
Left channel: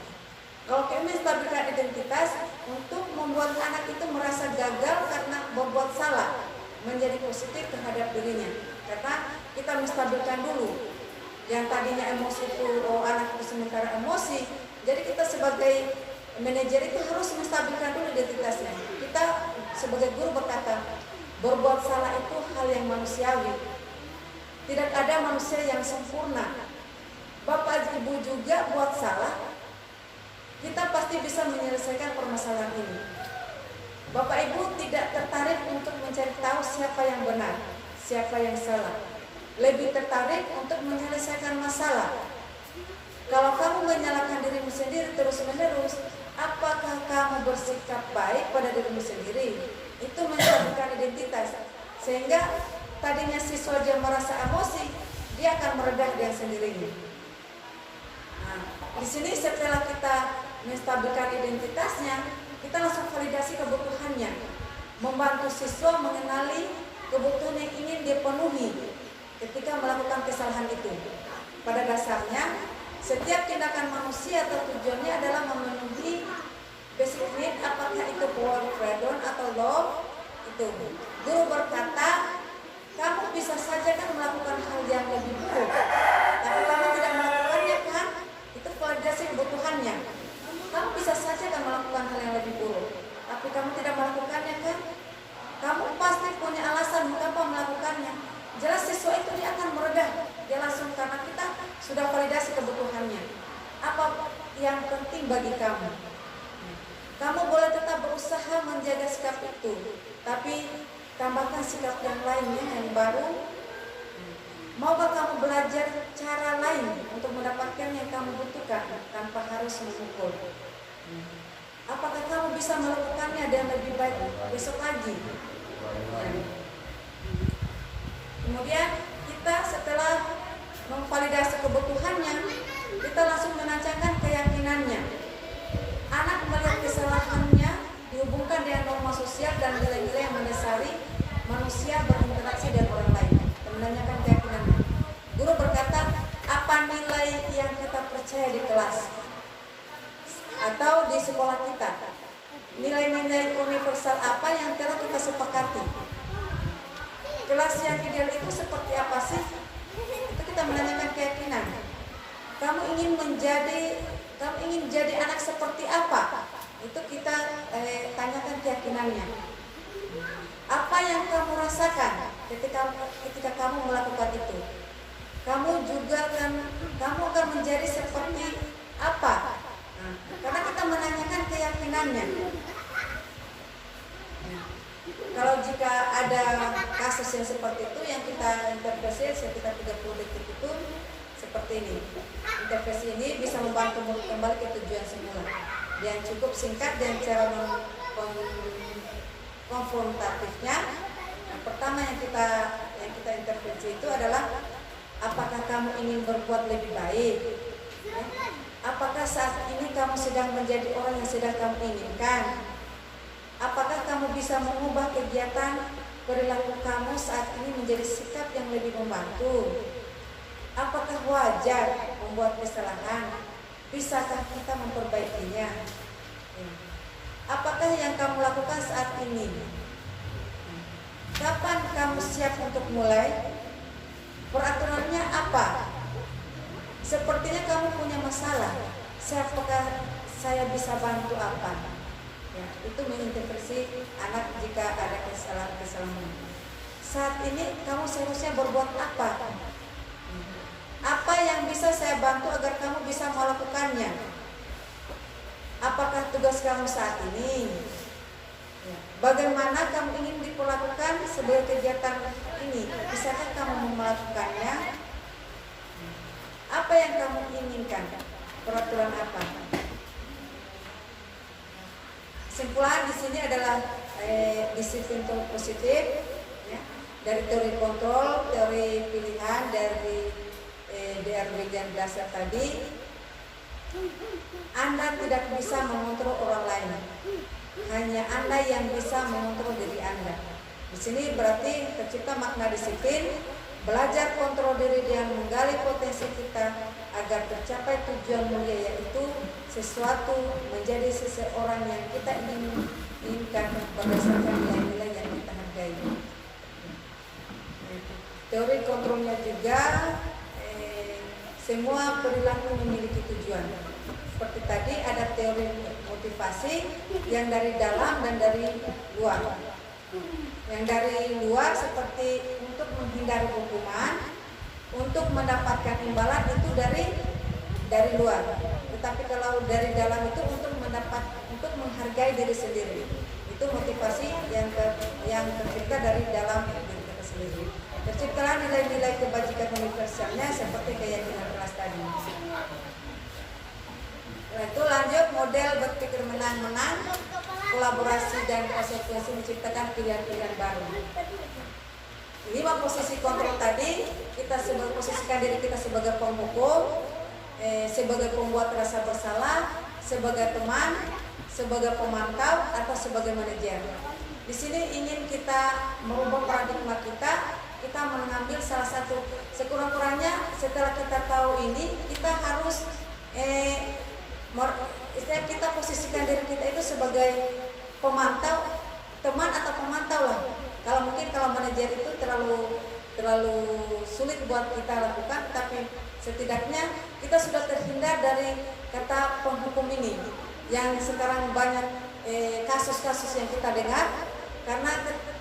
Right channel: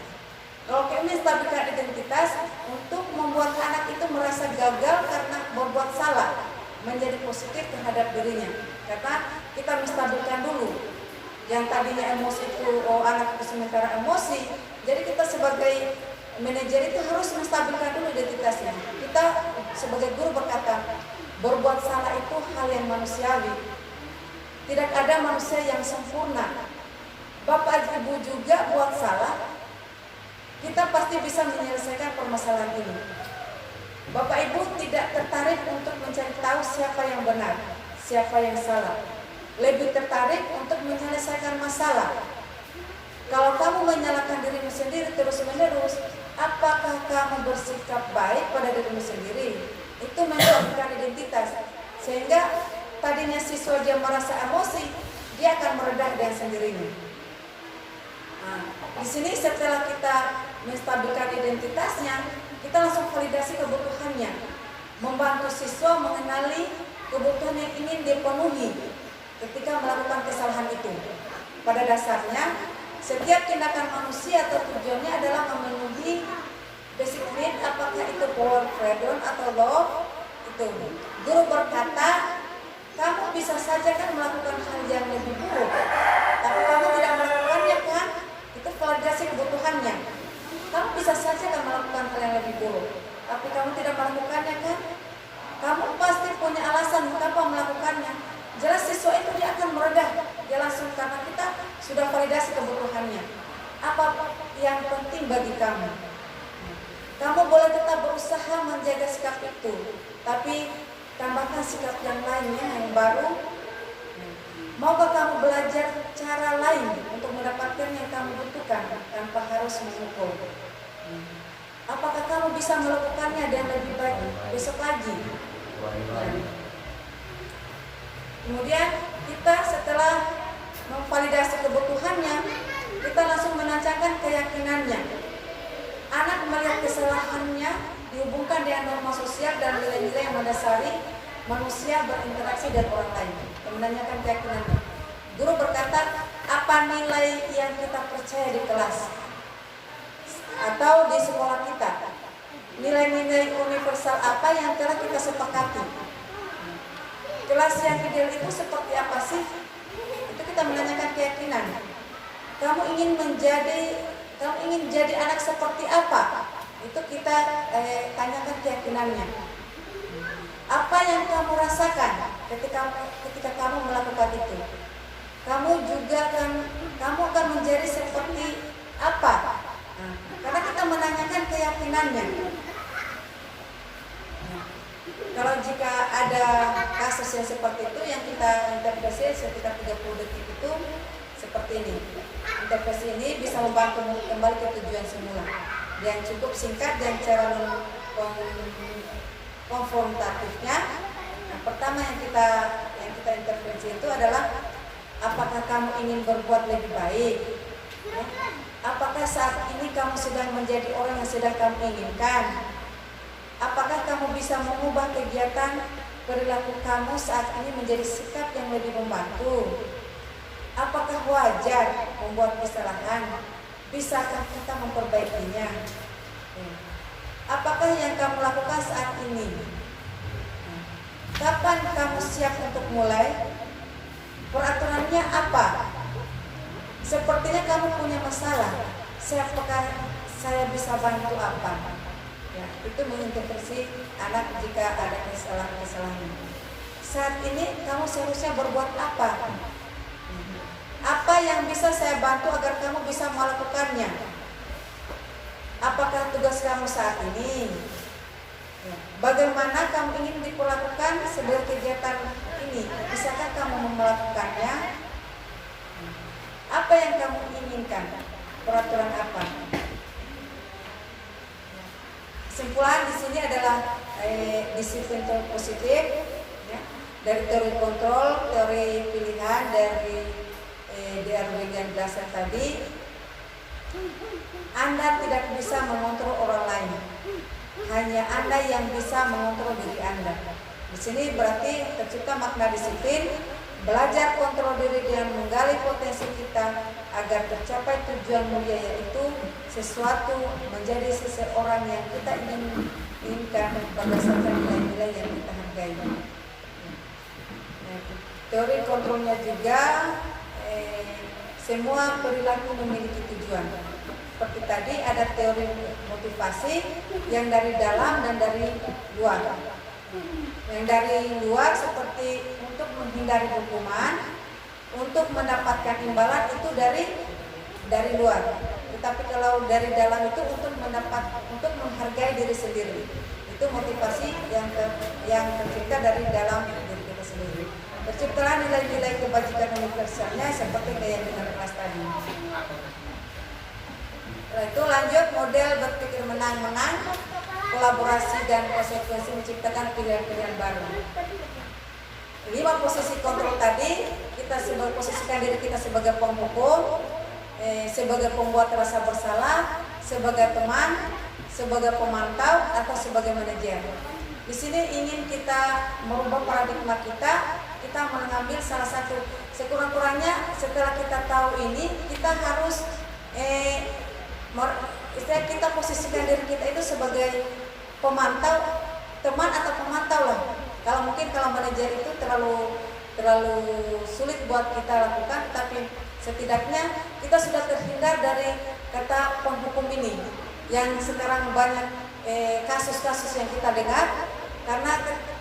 Kalau kami menstabilkan identitas untuk membuat anak itu merasa gagal karena berbuat salah, menjadi positif terhadap dirinya. Karena kita menstabilkan dulu. Yang tadinya emosi itu, anak itu sementara emosi. Jadi kita sebagai manajer itu harus menstabilkan dulu identitasnya. Kita sebagai guru berkata, berbuat salah itu hal yang manusiawi. Tidak ada manusia yang sempurna. Bapak ibu juga buat salah, kita pasti bisa menyelesaikan permasalahan ini. Bapak ibu tidak tertarik untuk mencari tahu siapa yang benar, siapa yang salah. Lebih tertarik untuk menyelesaikan masalah. Kalau kamu menyalahkan dirimu sendiri terus-menerus, apakah kamu bersikap baik pada dirimu sendiri? Itu menstabilkan identitas. Sehingga tadinya siswa dia merasa emosi, dia akan meredah dengan sendirinya. Nah, di sini setelah kita menstabilkan identitasnya, kita langsung validasi kebutuhannya, membantu siswa mengenali kebutuhan yang ingin dipenuhi ketika melakukan kesalahan itu. Pada dasarnya, setiap tindakan manusia atau tujuannya adalah memenuhi basic need, apakah itu power, freedom, atau love. Itu guru berkata, kamu bisa saja kan melakukan hal yang lebih buruk, tapi kamu tidak melakukannya kan? Itu validasi kebutuhannya. Kamu bisa saja kan melakukan hal yang lebih buruk, tapi kamu tidak melakukannya kan? Kamu pasti punya alasan mengapa melakukannya. Jelas siswa itu dia akan meredah, dia langsung, karena kita sudah validasi kebutuhannya. Apa yang penting bagi kamu? Kamu boleh tetap berusaha menjaga sikap itu, tapi tambahkan sikap yang lainnya yang baru. Maukah kamu belajar cara lain untuk mendapatkan yang kamu butuhkan tanpa harus memukul? Apakah kamu bisa melakukannya dengan lebih baik besok lagi? Kemudian kita setelah memvalidasi kebutuhannya, kita langsung menanyakan keyakinannya. Anak melihat kesalahannya dihubungkan dengan norma sosial dan nilai-nilai yang mendasari manusia berinteraksi dengan orang lain. Menanyakan keyakinannya. Guru berkata, apa nilai yang kita percaya di kelas atau di sekolah kita? Nilai-nilai universal apa yang telah kita sepakati? Kelas yang ideal itu seperti apa sih? Itu kita menanyakan keyakinan. Kamu ingin jadi anak seperti apa? Itu kita tanyakan keyakinannya. Apa yang kamu rasakan ketika kamu melakukan itu? Kamu akan menjadi seperti apa? Karena kita menanyakan keyakinannya. Kalau jika ada kasus yang seperti itu, yang kita intervensi sekitar 30 detik itu seperti ini. Intervensi ini bisa membantu kembali ke tujuan semula. Yang cukup singkat dan cara konfrontatifnya. Yang pertama yang kita intervensi itu adalah, apakah kamu ingin berbuat lebih baik? Apakah saat ini kamu sedang menjadi orang yang sedang kamu inginkan? Apakah kamu bisa mengubah kegiatan perilaku kamu saat ini menjadi sikap yang lebih membantu? Apakah wajar membuat kesalahan? Bisakah kita memperbaikinya? Apakah yang kamu lakukan saat ini Kapan kamu siap untuk mulai? Peraturannya apa? Sepertinya kamu punya masalah. Apakah saya bisa bantu apa? Ya, itu mengintervensi anak jika ada kesalahan-kesalahan. Saat ini kamu seharusnya berbuat apa? Apa yang bisa saya bantu agar kamu bisa melakukannya? Apakah tugas kamu saat ini? Ya. Bagaimana kamu ingin diperlakukan sebagai kegiatan ini? Bisakah kamu melakukannya? Apa yang kamu inginkan? Peraturan apa? Kesimpulan di sini adalah disiplin positif, ya, dari teori kontrol, teori pilihan, dari DRW yang dasar tadi. Anda tidak bisa mengontrol orang lain, hanya Anda yang bisa mengontrol diri Anda. Di sini berarti tercipta makna disiplin, belajar kontrol diri dengan menggali potensi kita agar tercapai tujuan mulia, yaitu sesuatu menjadi seseorang yang kita inginkan berdasarkan nilai-nilai yang kita hargai. Teori kontrolnya juga semua perilaku memiliki tujuan. Seperti tadi ada teori motivasi yang dari dalam dan dari luar. Yang dari luar seperti untuk menghindari hukuman, untuk mendapatkan imbalan itu dari luar. Tetapi kalau dari dalam itu untuk menghargai diri sendiri. Itu motivasi yang tercipta dari dalam diri kita sendiri. Terciptalah nilai-nilai kebajikan universalnya seperti keyakinan kelas tadi. Setelah itu lanjut model berpikir menang-menang, kolaborasi dan konsekuensi menciptakan pilihan-pilihan baru. 5 posisi kontrol tadi, kita posisikan diri kita sebagai penghukum, sebagai pembuat rasa bersalah, sebagai teman, sebagai pemantau, atau sebagai manajer. Di sini ingin kita merubah paradigma kita mengambil salah satu. Sekurang-kurangnya setelah kita tahu ini, kita harus kita posisikan diri kita itu sebagai pemantau, teman atau pemantau lah. Kalau manajer itu terlalu sulit buat kita lakukan, tapi setidaknya kita sudah terhindar dari kata penghukum ini yang sekarang banyak kasus-kasus yang kita dengar karena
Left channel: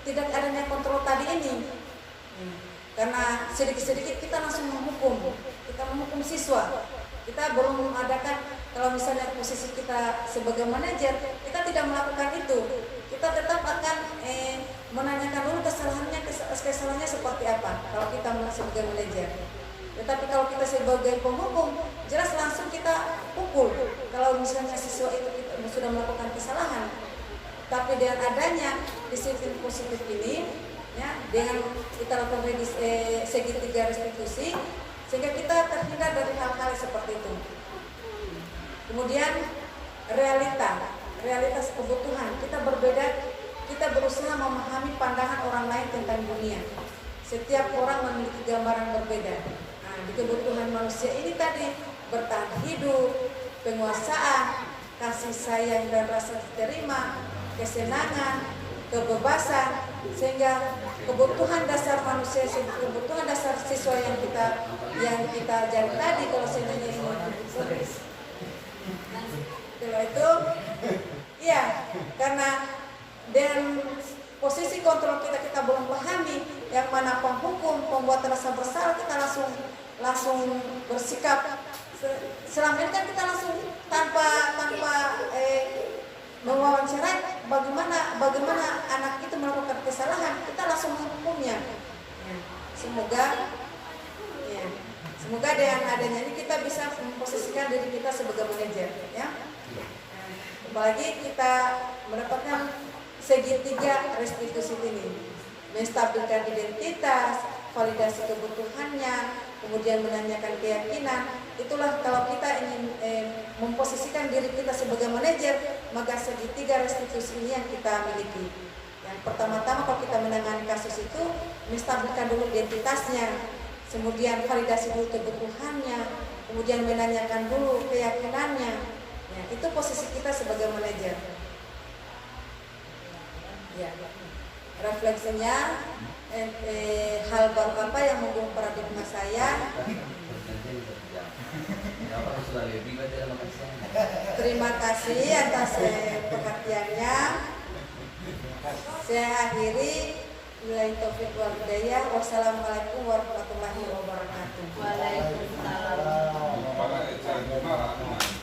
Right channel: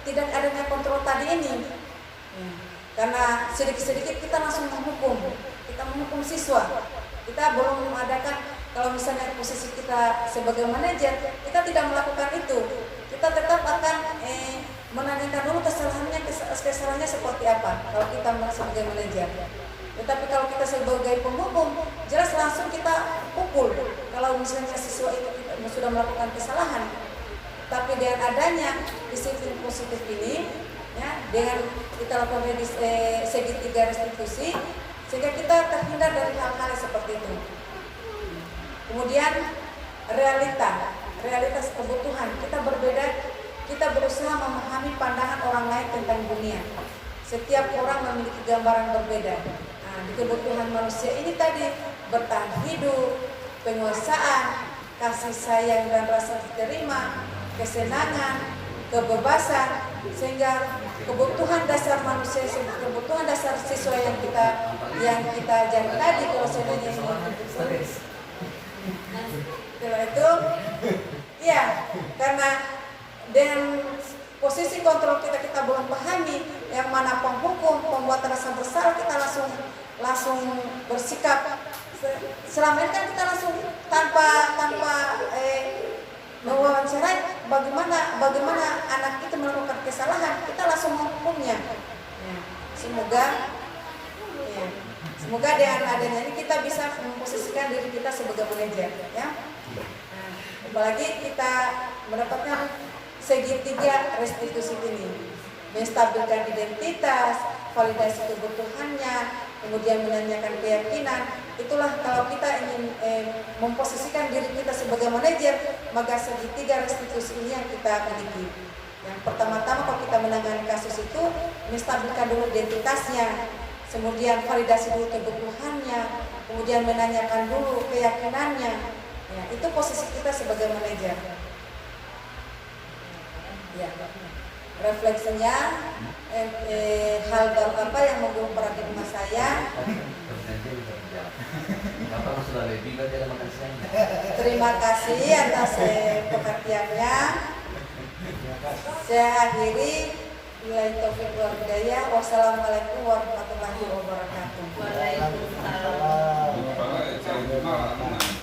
tidak adanya kontrol tadi ini. Karena sedikit-sedikit kita langsung menghukum siswa. Kita belum mengadakan, kalau misalnya posisi kita sebagai manajer, kita tidak melakukan itu. Kita tetap akan menanyakan dulu kesalahannya seperti apa kalau kita sebagai manajer. Tetapi kalau kita sebagai penghukum, jelas langsung kita pukul kalau misalnya siswa itu sudah melakukan kesalahan. Tapi dengan adanya disiplin positif ini, ya, dengan kita lakukan segitiga restitusi, sehingga kita terhindar dari hal-hal seperti itu. Kemudian realitas kebutuhan kita berbeda. Kita berusaha memahami pandangan orang lain tentang dunia. Setiap orang memiliki gambaran berbeda. Nah, di kebutuhan manusia ini tadi bertahan hidup, penguasaan, kasih sayang dan rasa diterima, kesenangan, kebebasan, sehingga kebutuhan dasar manusia, kebutuhan dasar siswa yang kita ajar tadi, kalau sebenarnya ini setelah itu, ya, karena dengan posisi kontrol kita belum pahami yang mana penghukum, pembuat rasa bersalah, kita langsung bersikap. Selama ini kan kita langsung tanpa mewawancara bagaimana anak itu melakukan kesalahan, kita langsung menghukumnya. Ya, semoga dengan adanya ini kita bisa memposisikan diri kita sebagai manajer, ya. Nah, apalagi kita mendapatkan segitiga restitusi ini, menstabilkan identitas, validasi kebutuhannya, kemudian menanyakan keyakinan. Itulah kalau kita ingin memposisikan diri kita sebagai manajer, maka segitiga restitusi ini yang kita miliki. Yang pertama-tama kalau kita menangani kasus itu, menstabilkan dulu identitasnya, kemudian validasi dulu kebutuhannya, kemudian menanyakan dulu keyakinannya. Ya, itu posisi kita sebagai manajer. Ya. refleksinya, hal baru apa yang mengubah paradigma saya. Terima kasih atas perhatiannya. Saya akhiri. Billahi taufiq wal hidayah. Wassalamualaikum warahmatullahi wabarakatuh. Waalaikumsalam.